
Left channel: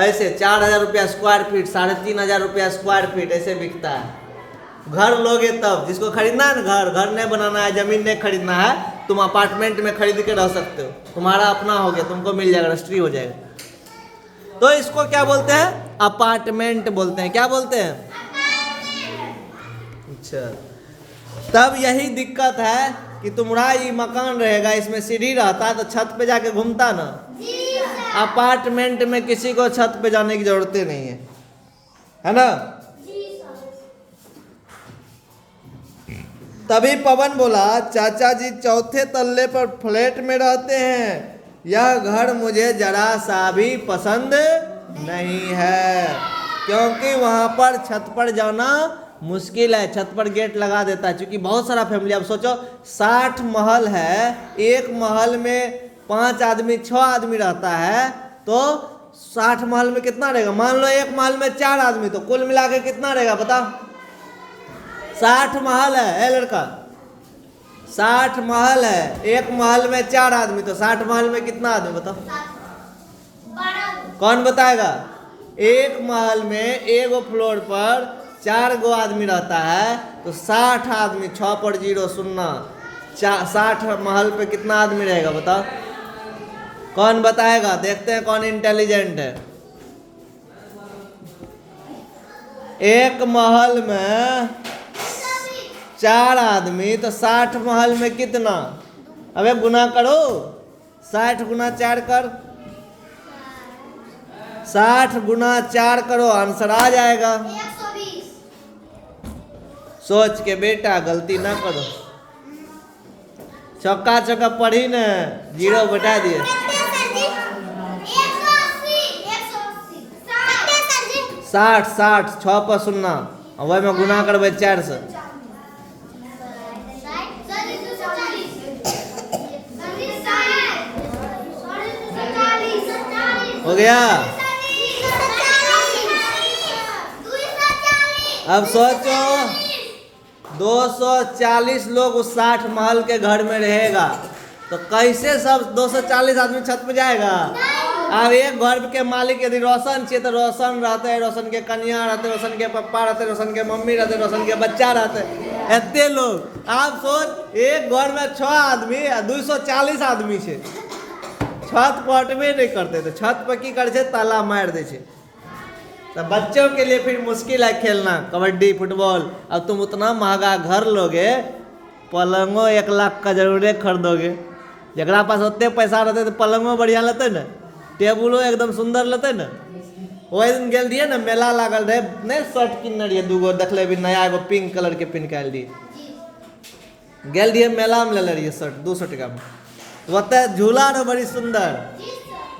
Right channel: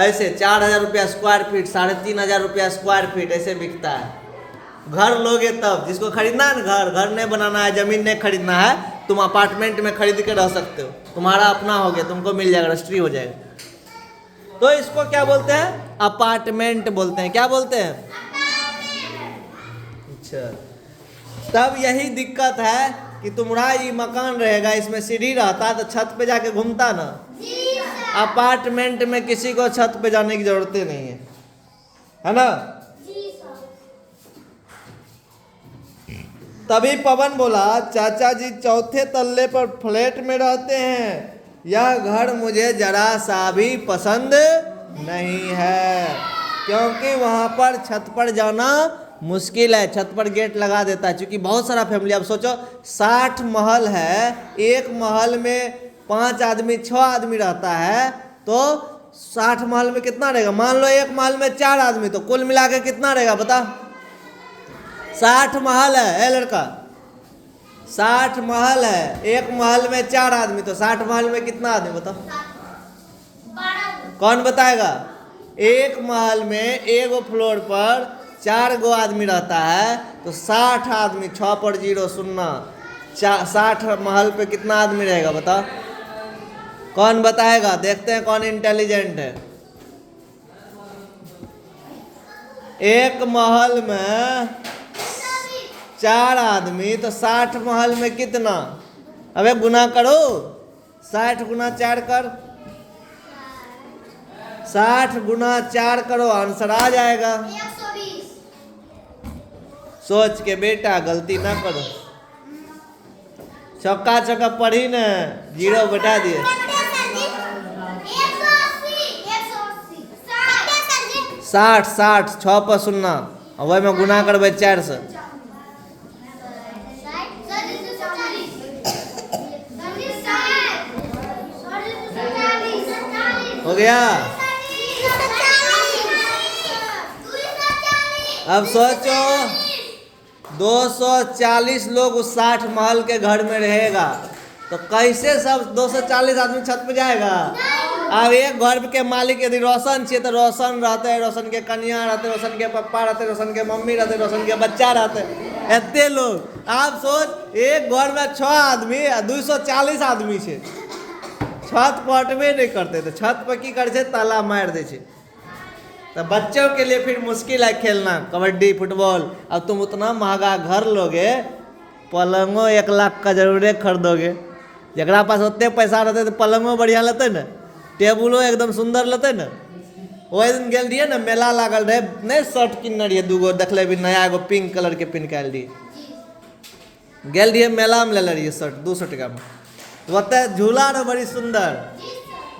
ऐसे 4000 रुपया स्क्वायर फीट, 3500 रुपया स्क्वायर फीट ऐसे बिकता है। घर लोगे तब, जिसको खरीदना है ना, घर नहीं बनाना है, जमीन नहीं खरीदना है, तुम अपार्टमेंट में खरीद के रह सकते हो, तुम्हारा अपना हो गया, तुमको मिल जाएगा, रजिस्ट्री हो जाएगा। तो इसको क्या बोलते हैं? अपार्टमेंट बोलते हैं। क्या बोलते हैं? अच्छा, तब यही दिक्कत है कि तुम्हारा ये मकान रहेगा, इसमें सीढ़ी रहता तो छत पे जाके घूमता ना। अपार्टमेंट में किसी को छत पे जाने की जरूरत नहीं है ना। तभी पवन बोला, चाचा जी 4थे तल्ले पर फ्लैट में रहते हैं, यह घर मुझे जरा सा भी पसंद नहीं है, क्योंकि वहां पर छत पर जाना मुश्किल है, छत पर गेट लगा देता है। क्योंकि बहुत सारा फैमिली, अब सोचो 60 महल है, एक महल में 5 आदमी 6 आदमी रहता है, तो 60 महल में कितना रहेगा? मान लो एक महल में 4 आदमी, तो कुल मिला के कितना रहेगा बताओ? 60 महल है लड़का, 60 महल है, एक महल में 4 आदमी, तो 60 महल में कितना आदमी बताओ? कौन बताएगा? एक महल में एक फ्लोर पर 4 गो आदमी रहता है, तो 60 आदमी, 6 पर 0 शून्य, 60 महल पे कितना आदमी रहेगा बताओ? कौन बताएगा? देखते हैं कौन इंटेलिजेंट है। एक महल में 4 आदमी, तो 60 महल में कितना? अबे गुना करो, 60 गुना 4 कर, 60 गुना 4 करो, आंसर आ जाएगा। 120। सोच के बेटा, गलती ना करो। चौका चौका पढ़ी न, 0 बता दिए। 60 6 पर 0, वही में गुना करबे 4 से। हो गया। अब सोचो 240 लोग उस 60 महल के घर में रहेगा, तो कैसे सब 240 आदमी छत पे जाएगा? अब एक घर के मालिक यदि रोशन छे तो रोशन रहते हैं, रोशन के कन्या रहते, रोशन के पप्पा रहते, रोशन के मम्मी रहते, रोशन के बच्चा रहते, एते लोग। आप सोच एक घर में 6 आदमी 240 आदमी छे, छत पर हटबे नहीं करते, तो छत पर की करे छे, ताला मार दे छे। तो बच्चों के लिए फिर मुश्किल है खेलना कबड्डी फुटबॉल। अब तुम उतना महंगा घर लोगे, पलंगो 1 लाख का जरूर खरीदोगे। जरा पास उतने पैसा रहते तो पलंगो बढ़िया लेते न, टेबुलो एकदम सुंदर लेते न। वही दिन गेल रहिए ना, मेला लागल रहे, नहीं शर्ट किनने रहिए 2 गो, देखले भी नया एगो पिंक कलर के पिन के रहिए, गेल रहिए मेला में ले रहिए शर्ट 200 टका में। ओते झूला रहे बड़ी सुंदर,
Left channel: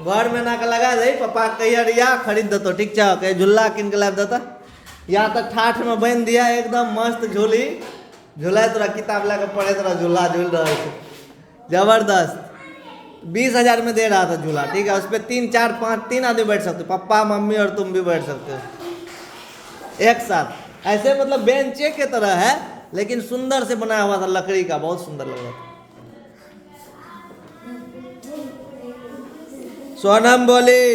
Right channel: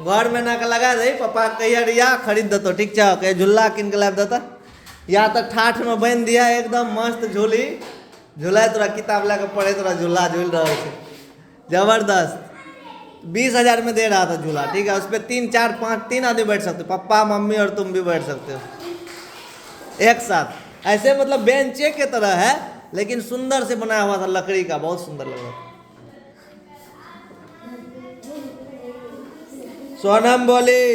घर में ना के लगा दे, पापा कहिए रिया खरीद देतो, ठीक है कहे झूला किन के लाभ देता, या तो ठाठ में बन दिया एकदम मस्त झूली, झूला तोरा किताब लेके पढ़े, तोरा झूला झूल रहा है जबरदस्त। 20,000 में दे रहा था झूला, ठीक है। उस पर 3 4 5 3 आदमी बैठ सकते हो, पापा मम्मी और तुम भी बैठ सकते हो एक साथ। ऐसे मतलब बेंचे के तरह है, लेकिन सुंदर से बनाया हुआ था, लकड़ी का, बहुत सुंदर लग रहा था। सोनम बोली,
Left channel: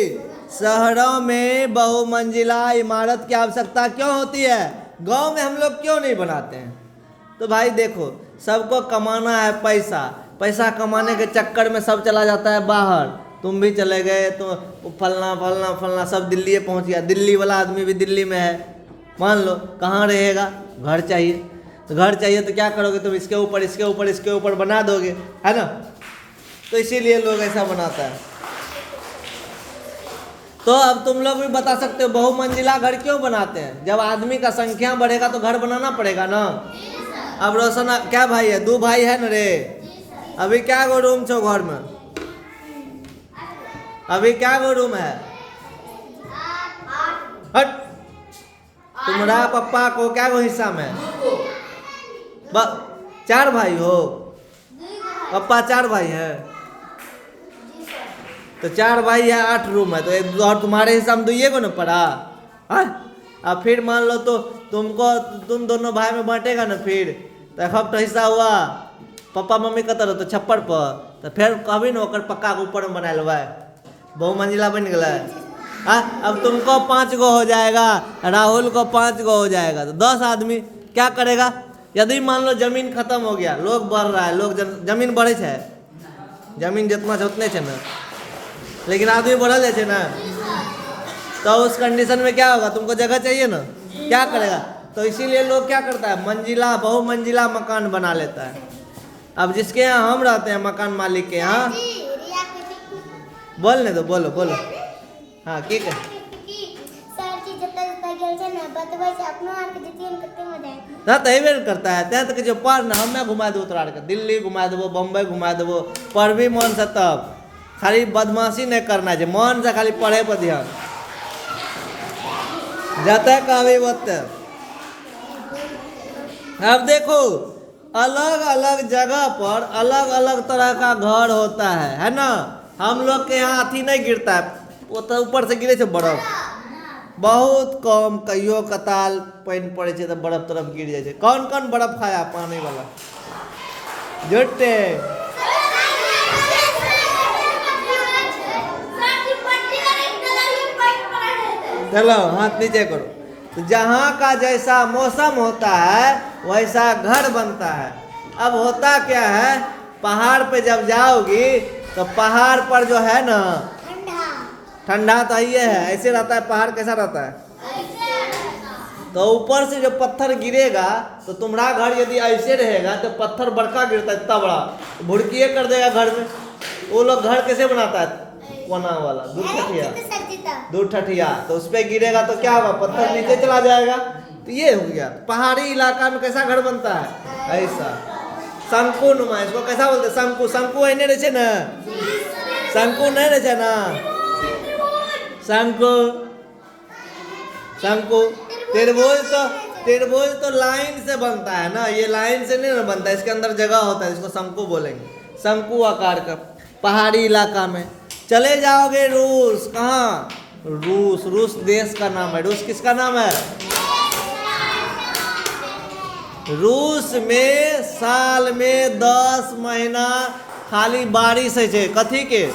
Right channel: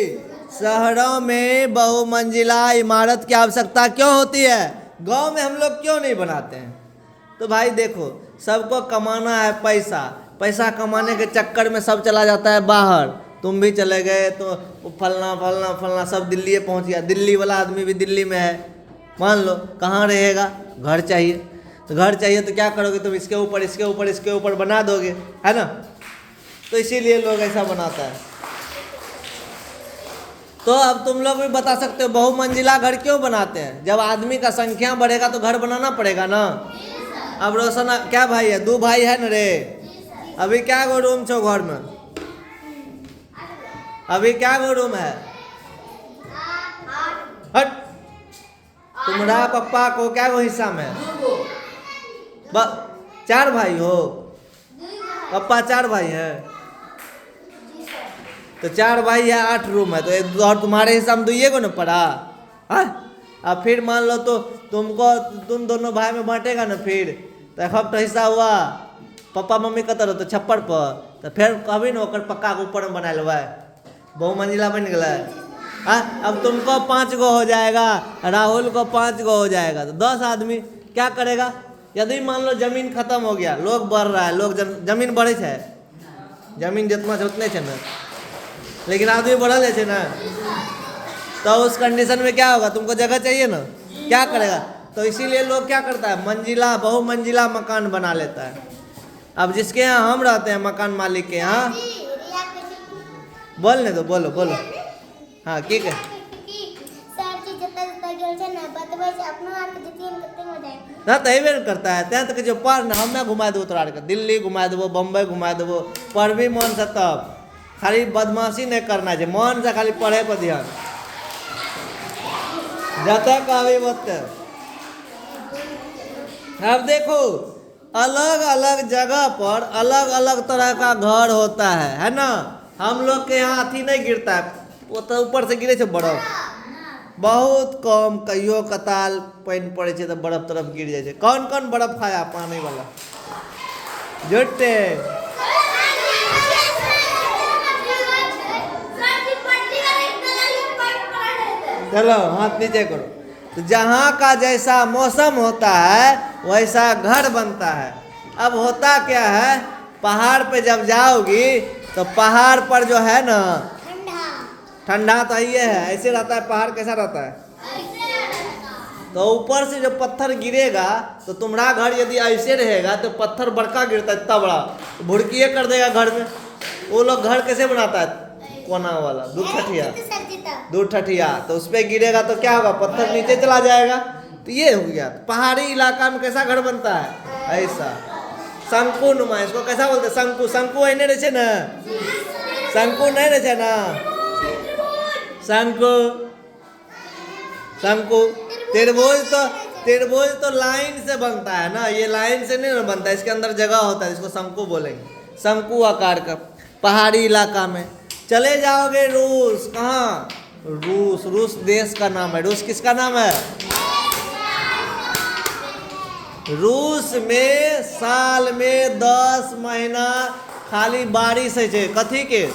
शहरों में बहुमंजिला इमारत की आवश्यकता क्यों होती है, गांव में हम लोग क्यों नहीं बनाते हैं? तो भाई देखो, सबको कमाना है पैसा, पैसा कमाने के चक्कर में सब चला जाता है बाहर। तुम भी चले गए तो फलना फलना फलना सब दिल्ली पहुंच गया, दिल्ली वाला आदमी भी दिल्ली में है, मान लो कहाँ रहेगा, घर चाहिए। तो घर चाहिए तो क्या करोगे तुम, इसके ऊपर इसके ऊपर इसके ऊपर बना दोगे, है ना। तो इसीलिए लोग ऐसा बनाता है। तो अब तुम लोग भी बता सकते हो बहुमंजिला घर क्यों बनाते हैं? जब आदमी का संख्या बढ़ेगा तो घर बनाना पड़ेगा ना। अब रोशन क्या भाई है, 2 भाई है न रे, अभी क्या गो रूम छो घर में, अभी क्या गो रूम है? हट, तुम्हारा पप्पा को क्या गो हिस्सा में? 4 भाई हो, पप्पा 4 भाई है, तो 4 भाई है, 8 रूम है, तो एक और तुम्हारे हिस्सा में 2 गो न पड़ा। अब फिर मान लो तो तुम दोनों भाई में बांटेगा ना, फिर तो एक हिस्सा हुआ, पापा मम्मी कतर हो तो छप्पर पर, तो फिर कभी ना ओकर पक्का के ऊपर में बना लेवा, बहुमंजिला बन गया। अब तुमको 5 गो हो जाएगा, राहुल को 5 गो हो जाएगा, तो 10 आदमी क्या करेगा? यदि मान लो जमीन खत्म हो गया, लोग बढ़ रहा है, लोग जमीन बढ़े है, जमीन जितना है उतने है ना, लेकिन आदमी बढ़ल है ना, तो उस कंडीशन में क्या होगा? तुमको जगह चाहिए ना, क्या करेगा? तो इसीलिए लोग क्या करता है, मंजिला बहुमंजिला मकान बना लेता है। अब जिसके यहाँ हम रहते हैं, मकान मालिक के यहाँ, बोलने दो, बोलो बोलो। हाँ ठीक है, ना तो बेर करता है, त्या तक जो पढ़ ना हमें घुमा देव, तोरा दिल्ली घुमा देवो, बम्बई घुमा देवो, पढ़ मन से, तब खाली बदमाशी नहीं करना है, मन से खाली पढ़े पर ध्यान, जाता कहबे ओते। अब देखो अलग अलग जगह पर अलग अलग तरह का घर होता है ना। हम लोग के यहाँ अथी नहीं गिरता है, वो तो ऊपर से गिरे बर्फ, बहुत कम, कहियो कताल पानी पड़े तो बर्फ तरफ गिर जाए। कौन कौन बर्फ खाया पानी वाला? जुटे चलो हाथ नीचे करो। तो जहाँ का जैसा मौसम होता है वैसा घर बनता है। अब होता क्या है, पहाड़ पे जब जाओगी तो पहाड़ पर जो है ना, ठंडा तो ये है, ऐसे रहता है पहाड़, कैसा रहता है? तो ऊपर से जो पत्थर गिरेगा तो तुम्हारा घर यदि ऐसे रहेगा तो पत्थर बड़का गिरता है, इतना बड़ा, तो भुड़किए कर देगा घर में। वो लोग घर कैसे बनाता है? कोना वाला, दूर ठठिया, तो उस पर गिरेगा तो क्या होगा? पत्थर नीचे चला जाएगा। तो ये हो गया पहाड़ी इलाका में कैसा घर बनता है, ऐसा शंकु नुमा। इसको कैसा बोलते हैं? शंकु। शंकु है नहीं रहे ना, शंकु नहीं रहे ना, शंकु शंकु। त्रिभुज तो लाइन से बनता है ना, ये लाइन से नहीं बनता है, इसके अंदर जगह होता है, इसको शंकु बोलेंगे, शंकु आकार का। पहाड़ी इलाका में चले जाओगे रूस, कहाँ? रूस देश का नाम है। रूस किसका नाम है? रूस में साल में 10 महीना खाली बारिश है। कथी के?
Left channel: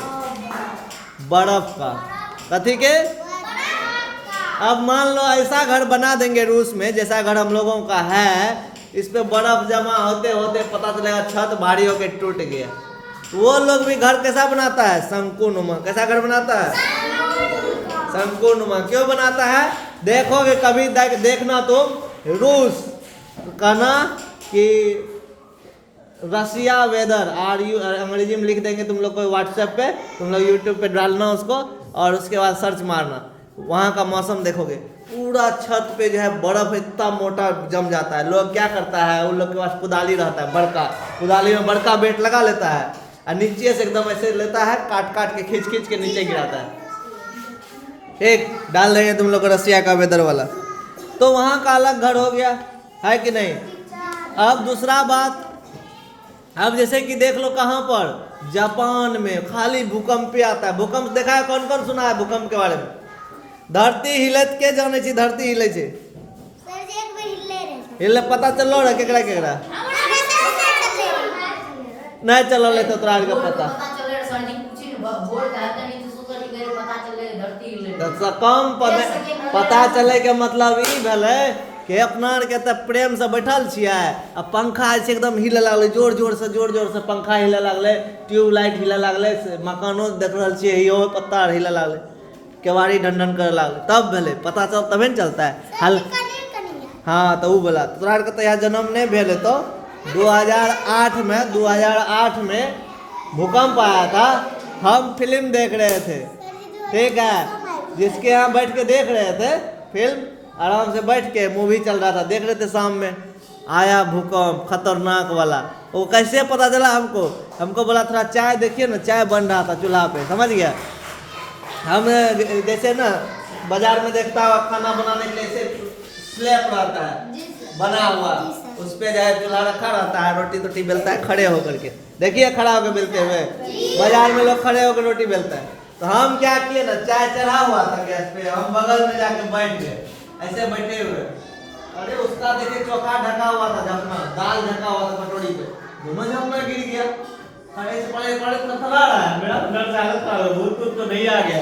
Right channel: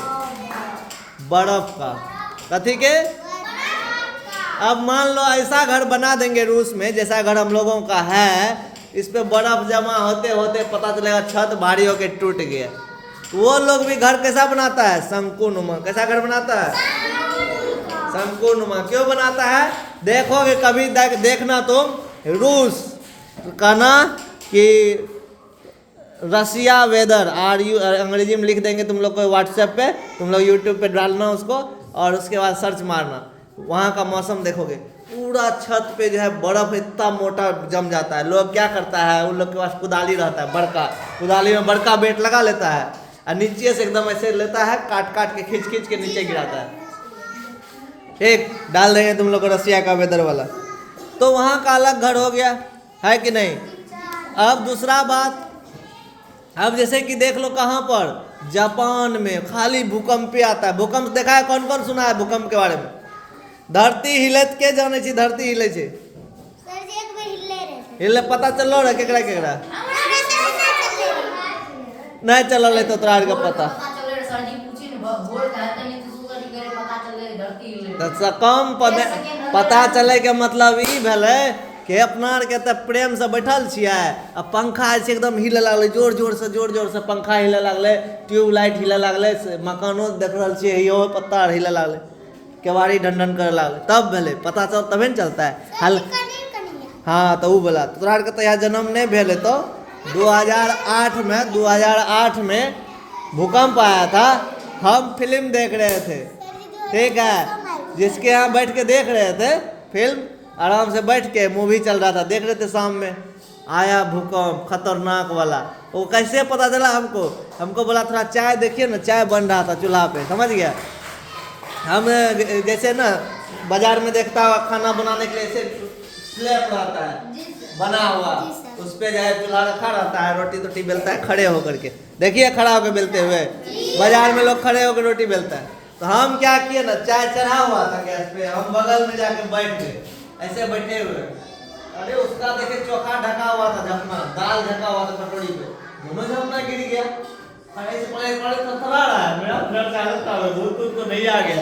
बर्फ का। कथी के? अब मान लो ऐसा घर बना देंगे रूस में, जैसा घर हम लोगों का है, इस पे बर्फ जमा होते होते पता चलेगा छत भारी होके टूट गया। तो वो लोग भी घर कैसा बनाता है? शंकुनुमा। कैसा घर बनाता है? शंकुनुमा। क्यों बनाता है? देखोगे कभी देखना तुम, रूस कहना कि रसिया वेदर अंग्रेजी में लिख देंगे तुम लोग को व्हाट्सएप पे, तुम लोग यूट्यूब पे डालना उसको और उसके बाद सर्च मारना, वहाँ का मौसम देखोगे पूरा छत पे जो है बर्फ इतना मोटा जम जाता है। लोग क्या करता है, उन लोग के पास कुदाली रहता है बड़का, कुदाली में बड़का बेट लगा लेता है और नीचे से एकदम ऐसे लेता है, काट काट के खींच खींच के नीचे गिराता है। ठीक, डाल देंगे तुम लोग को रसिया का वेदर वाला। तो वहाँ का अलग घर हो गया, है कि नहीं? अब दूसरा बात, अब जैसे कि देख लो कहाँ पर, जापान में खाली भूकंप ही आता है। भूकंप देखा है? कौन कौन सुना है भूकंप के बारे में? धरती हिलत के जाने छी, धरती हिले छे, हिले पता चलो रे केकरा केकरा नहीं चलल तो तोरा के पता तो कम पता चले के मतलब ई भेलै कि अपना आर के त प्रेम से बैठल छियै आ पंखा से एकदम हिले लागले, जोर जोर से पंखा हिले लागले, ट्यूबलाइट हिले लागले, मकानो देख रहल छियै इहो पत्ता हिले लागले, केवाड़ी ढंढन करे लागले, तब भेले पता चल, तबे न चलता है हल। हाँ तो वो बोला तोरा के तो यहाँ जन्म नहीं भेले तो 2008 में भूकंप आया था, हम फिल्म देख रहे थे, ठीक है, जिसके यहाँ बैठ के देख रहे थे फिल्म, आराम से बैठ के मूवी चल रहा था, देख रहे थे, शाम में आया भूकंप खतरनाक वाला। वो कैसे पता चला हमको बोला थोड़ा चाय देखिए ना, चाय बन रहा था चूल्हा पे, समझ गया। हम जैसे ना बाजार में देखता हुआ खाना बनाने के लिए ऐसे स्लैब रहता है बना हुआ, उस पे जो है चूल्हा रखा रहता है, रोटी तोटी बेलता है खड़े होकर के, देखिए खड़ा होकर बेलते हुए, बाजार में लोग खड़े होकर रोटी बेलता है। तो हम क्या किए ना, चाय चढ़ा हुआ था गैस पे, हम बगल में जाके बैठ गए, ऐसे बैठे हुए, अरे उसका देखे चोखा ढका हुआ था, जमना दाल ढका हुआ था कटोरी पे, दोनों जमना गिर गया। अरे थरथरा रहा है, मेरा डर से हालत खराब है, भूत तो नहीं आ गया।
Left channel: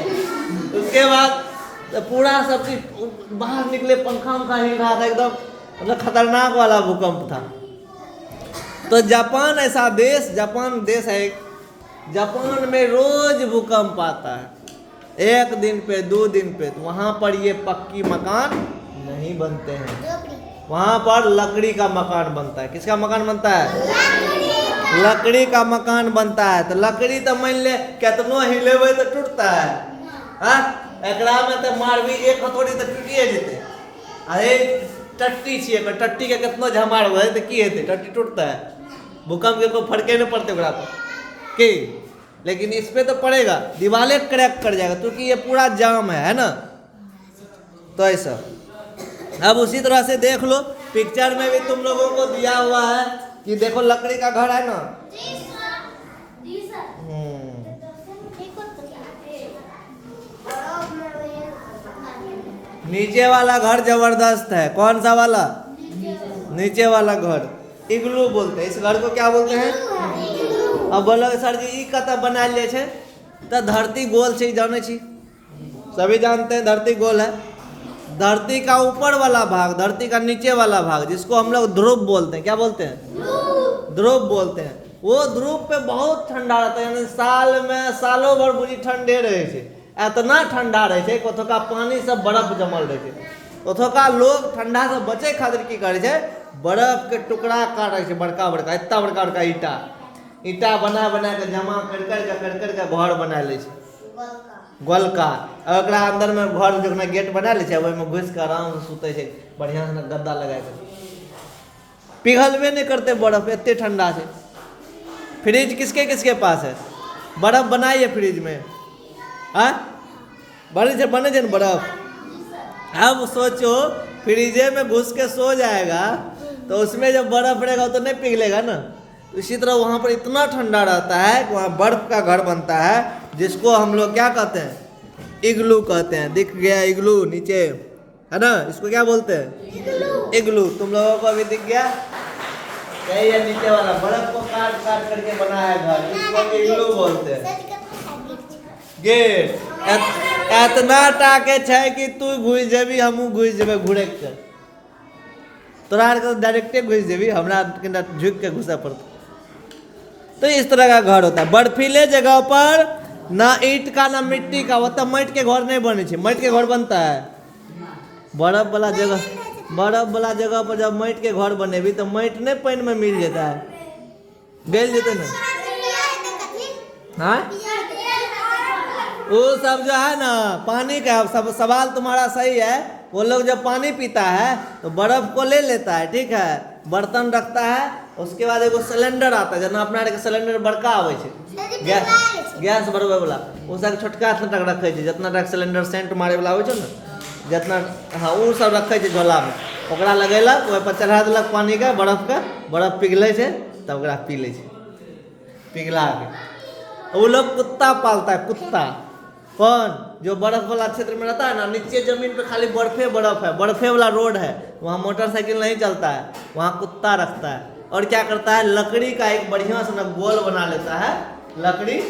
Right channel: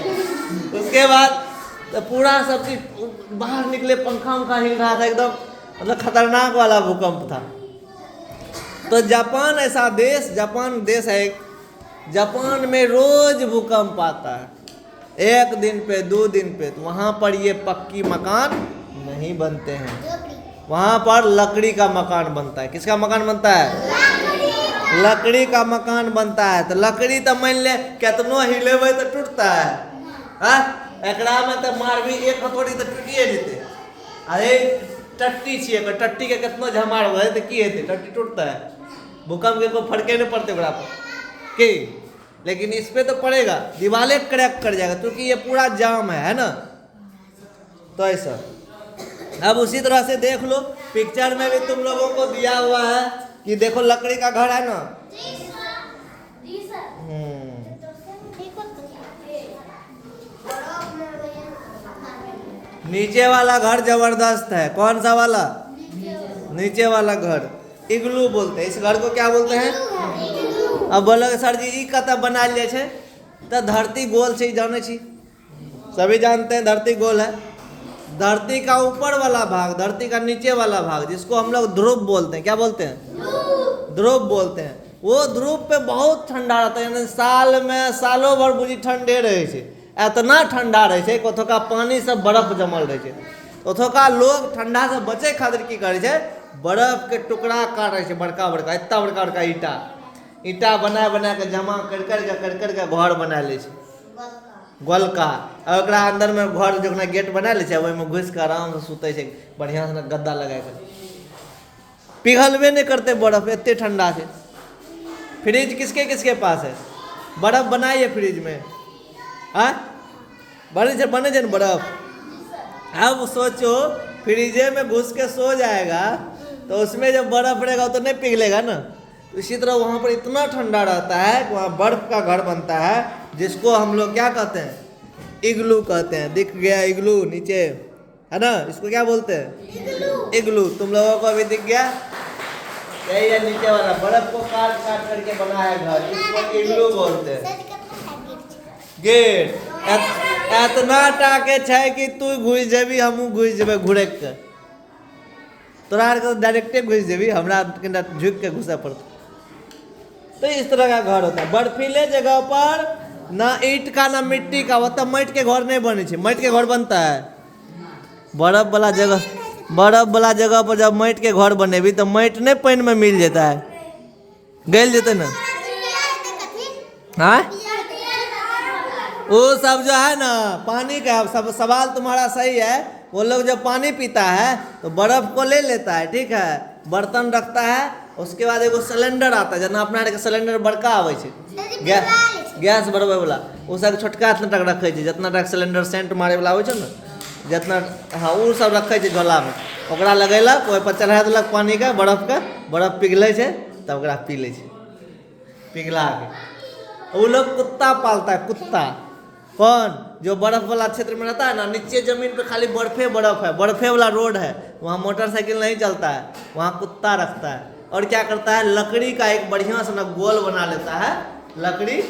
उसके बाद तो पूरा सब चीज बाहर निकले, पंखा उंखा हिल रहा था एकदम, मतलब खतरनाक वाला भूकंप था। तो जापान ऐसा देश, जापान देश है, जापान में रोज भूकंप आता है, 1 दिन पे 2 दिन पे। तो वहाँ पर ये पक्की मकान नहीं बनते हैं, वहाँ पर लकड़ी का मकान बनता है। किसका मकान बनता है? लकड़ी का मकान बनता है। तो लकड़ी तो मान ले कितनो हिलेबे तो टूटता है, हाँ एकरा में तो मारबी एक हथौड़ी तो टूटिए जेते। अरे टट्टी छिए, टट्टी के कितनो झमार हो तो की हेते, टट्टी टूटता है, भूकंप के कोई फर्के नहीं पड़ते ओकरा पर की, लेकिन इस पे तो पड़ेगा, दीवारें क्रैक कर जाएगा, क्योंकि ये पूरा जाम है ना। तो ऐसा अब उसी तरह से देख लो, पिक्चर में भी तुम लोगों को दिया हुआ है कि देखो लकड़ी का घर है ना, नीचे वाला घर जबरदस्त है। कौन सा वाला? नीचे वाला घर इग्लू बोलते हैं। इस घर को क्या बोलते हैं? अब बोलो सर जी ई कतऽ बनायल जाए छे? तो धरती गोल छे, जाने छी, सभी जानते हैं धरती गोल है। धरती का ऊपर वाला भाग, धरती का नीचे वाला भाग, जिसको हम लोग ध्रुव बोलते हैं, क्या बोलते हैं? ध्रुव बोलते हैं। वो ध्रुव पे बहुत ठंडा रहता है, यानी साल में सालों भर बुरी ठंडे रहे छे, इतना ठंडा रहे छे, ओतोका पानी से बर्फ जमल रहे छे। ओतोका लोग ठंडा से बचे खातिर की करे छे, बर्फ के टुकड़ा काटे छे, बड़का बड़का, इतना बड़का बड़का ईटा बना बना के जमा कर कर के घर बना ले छे, गोलका। और ओकरा अंदर में घर जो गेट बना ले छे, ओहि में घुस के आराम से सुते छे, बढ़िया से गद्दा लगा के, पिघलबे नहीं करते बर्फ, इतने ठंडा छे। फ्रिज किसके किसके पास है? बर्फ बनाइए फ्रिज में, हाँ बने छे बर्फ। अब सोचो फ्रिजे में घुस के सो जाएगा तो उसमें जब बर्फ रहेगा तो नहीं पिघलेगा ना। तो इसी तरह वहाँ पर इतना ठंडा रहता है कि वहाँ बर्फ का घर बनता है, जिसको हम लोग क्या कहते हैं? इग्लू कहते हैं। दिख गया इग्लू नीचे, है ना? इसको क्या बोलते हैं? इग्लू। तुम लोगों को अभी दिख गया? यही है नीचे वाला, बर्फ को काट काट करके बना है घर, इसको इग्लू बोलते हैं। गेट एतना टाके छै कि तू घुस जेबी हमहूँ घुस जेबै घुरक के तोरा आर के डायरेक्टे घुस जेबी हमरा कनिटा झुक के घुसे पड़ता। तो इस तरह का घर होता है। बर्फीले जगह पर ना ईंट का ना मिट्टी का, वो तब माटी के घर नहीं बने छे। माटी के घर बनता है बर्फ वाला जगह पर जब माटी के घर बनेबी तो माटी नहीं पानी में मिल जाता है, गल जेते ना। हाँ वो सब जो है ना पानी का सब सवाल तुम्हारा सही है। वो लोग जब पानी पीता है तो बर्फ को ले लेता है, ठीक है, बर्तन रखता है, उसके बाद एगो सिलेंडर आता है जना अपना के सिलेंडर बड़का आवे छे गैस बढ़वे वाला, उ सब छोटका तक रखे छे जितना तक सिलेंडर सेंट मारे वाला आवे छे ना जितना, हाँ उ सब रखे छे झोला में, ओकरा लगेलक ओइ पर चढ़ा देलक पानी के बर्फ पिघले छे तब ओकरा पी ले छे पिघला के। वो लोग कुत्ता पालता है, कुत्ता। कौन? जो बर्फ वाला क्षेत्र में रहता है ना, नीचे जमीन पे खाली बर्फ है, बर्फे वाला रोड है, वहाँ मोटरसाइकिल नहीं चलता है, वहाँ कुत्ता रखता है। और क्या करता है, लकड़ी का एक बढ़िया से ना गोल बना लेता है, लकड़ी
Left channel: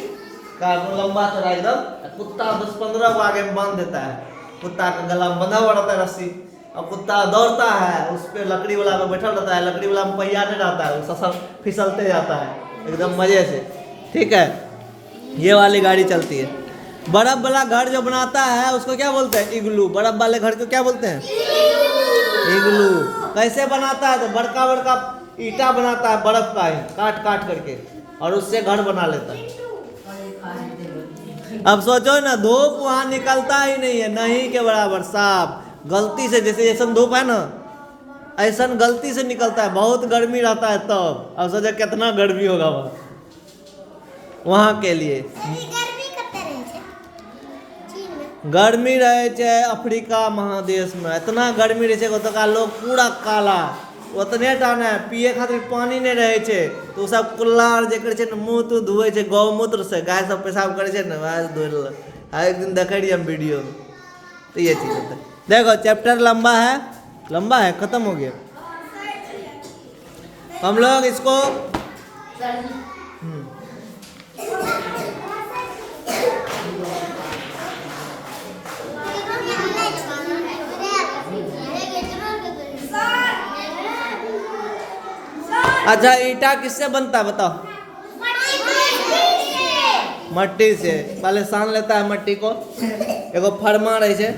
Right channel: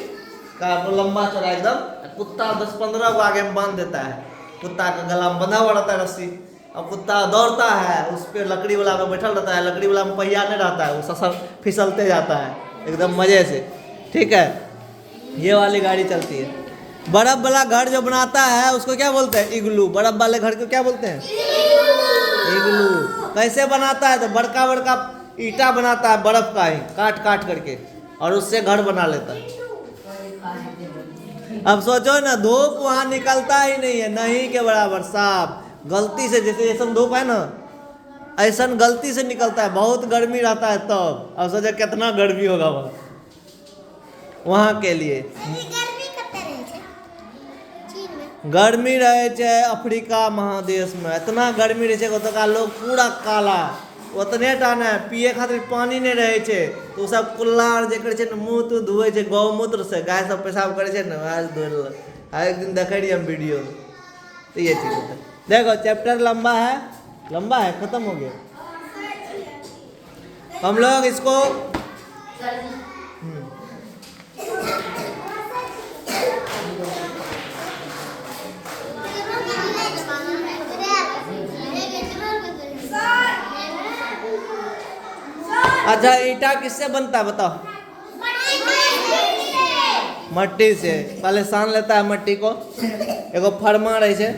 का लंबा चौड़ा एकदम, कुत्ता 10-15 को आगे में बांध देता है, कुत्ता का गला में बंधा हुआ रहता है रस्सी, और कुत्ता दौड़ता है उस पर, लकड़ी वाला में बैठा रहता है, लकड़ी वाला में पहिया नहीं रहता है, वो फिसलते जाता है एकदम मजे से, ठीक है। ये वाली गाड़ी चलती है। बर्फ वाला घर जो बनाता है उसको क्या बोलते हैं? इग्लू। बर्फ वाले घर को क्या बोलते हैं? इग्लू। कैसे बनाता है? तो बड़का बड़का ईटा बनाता है बर्फ का ही, काट करके, और उससे घर बना लेता है। अब सोचो ना, धूप वहां निकलता ही नहीं है, नहीं के बराबर साफ, गलती से, जैसे धूप है ना ऐसा गलती से निकलता है, बहुत गर्मी रहता है तब। अब सोचो कितना गर्मी होगा वहाँ के लिए। गर्मी रहे छे अफ्रीका महादेश में, इतना गर्मी रहे छे ओतका लोग पूरा काला, उतने टाने पिए खातिर पानी नहीं रहे छे, तो सब कुल्लार जे करे छे न मुंह तो धोए छे गौमूत्र से, गाय सब पेशाब करे छे न आज धोल। एक दिन देखे रही हम वीडियो में, तो ये चीज होता है। देखो चैप्टर लंबा है, खत्म हो गया। हम लोग इसको अच्छा, ईटा किससे बनता है बताओ? मट्टी से। पहले सान लेता है मट्टी को, एगो फरमा रहे छे,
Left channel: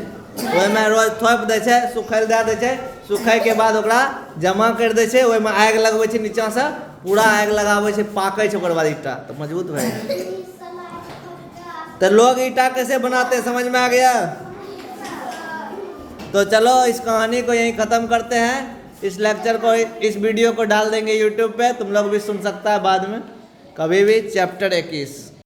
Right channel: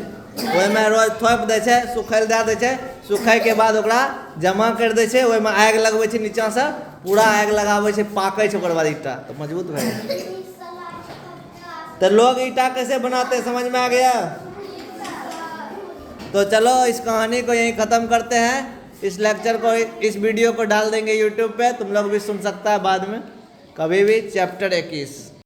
ओहि में रोज थोप दे छे, सुखल दे दे छे, सुखाय के बाद ओकरा जमा कर दे छे, ओहि में आग लगवे छे, नीचा से पूरा आग लगावे छे, पाके छे, ओकर बाद ईटा तो मजबूत भए। तो लोग ईटा कैसे बनाते हैं समझ में आ गया? तो चलो इस कहानी को यहीं ख़त्म करते हैं। इस लेक्चर को, इस वीडियो को डाल देंगे यूट्यूब पे, तुम लोग भी सुन सकता है बाद में कभी भी। चैप्टर 21।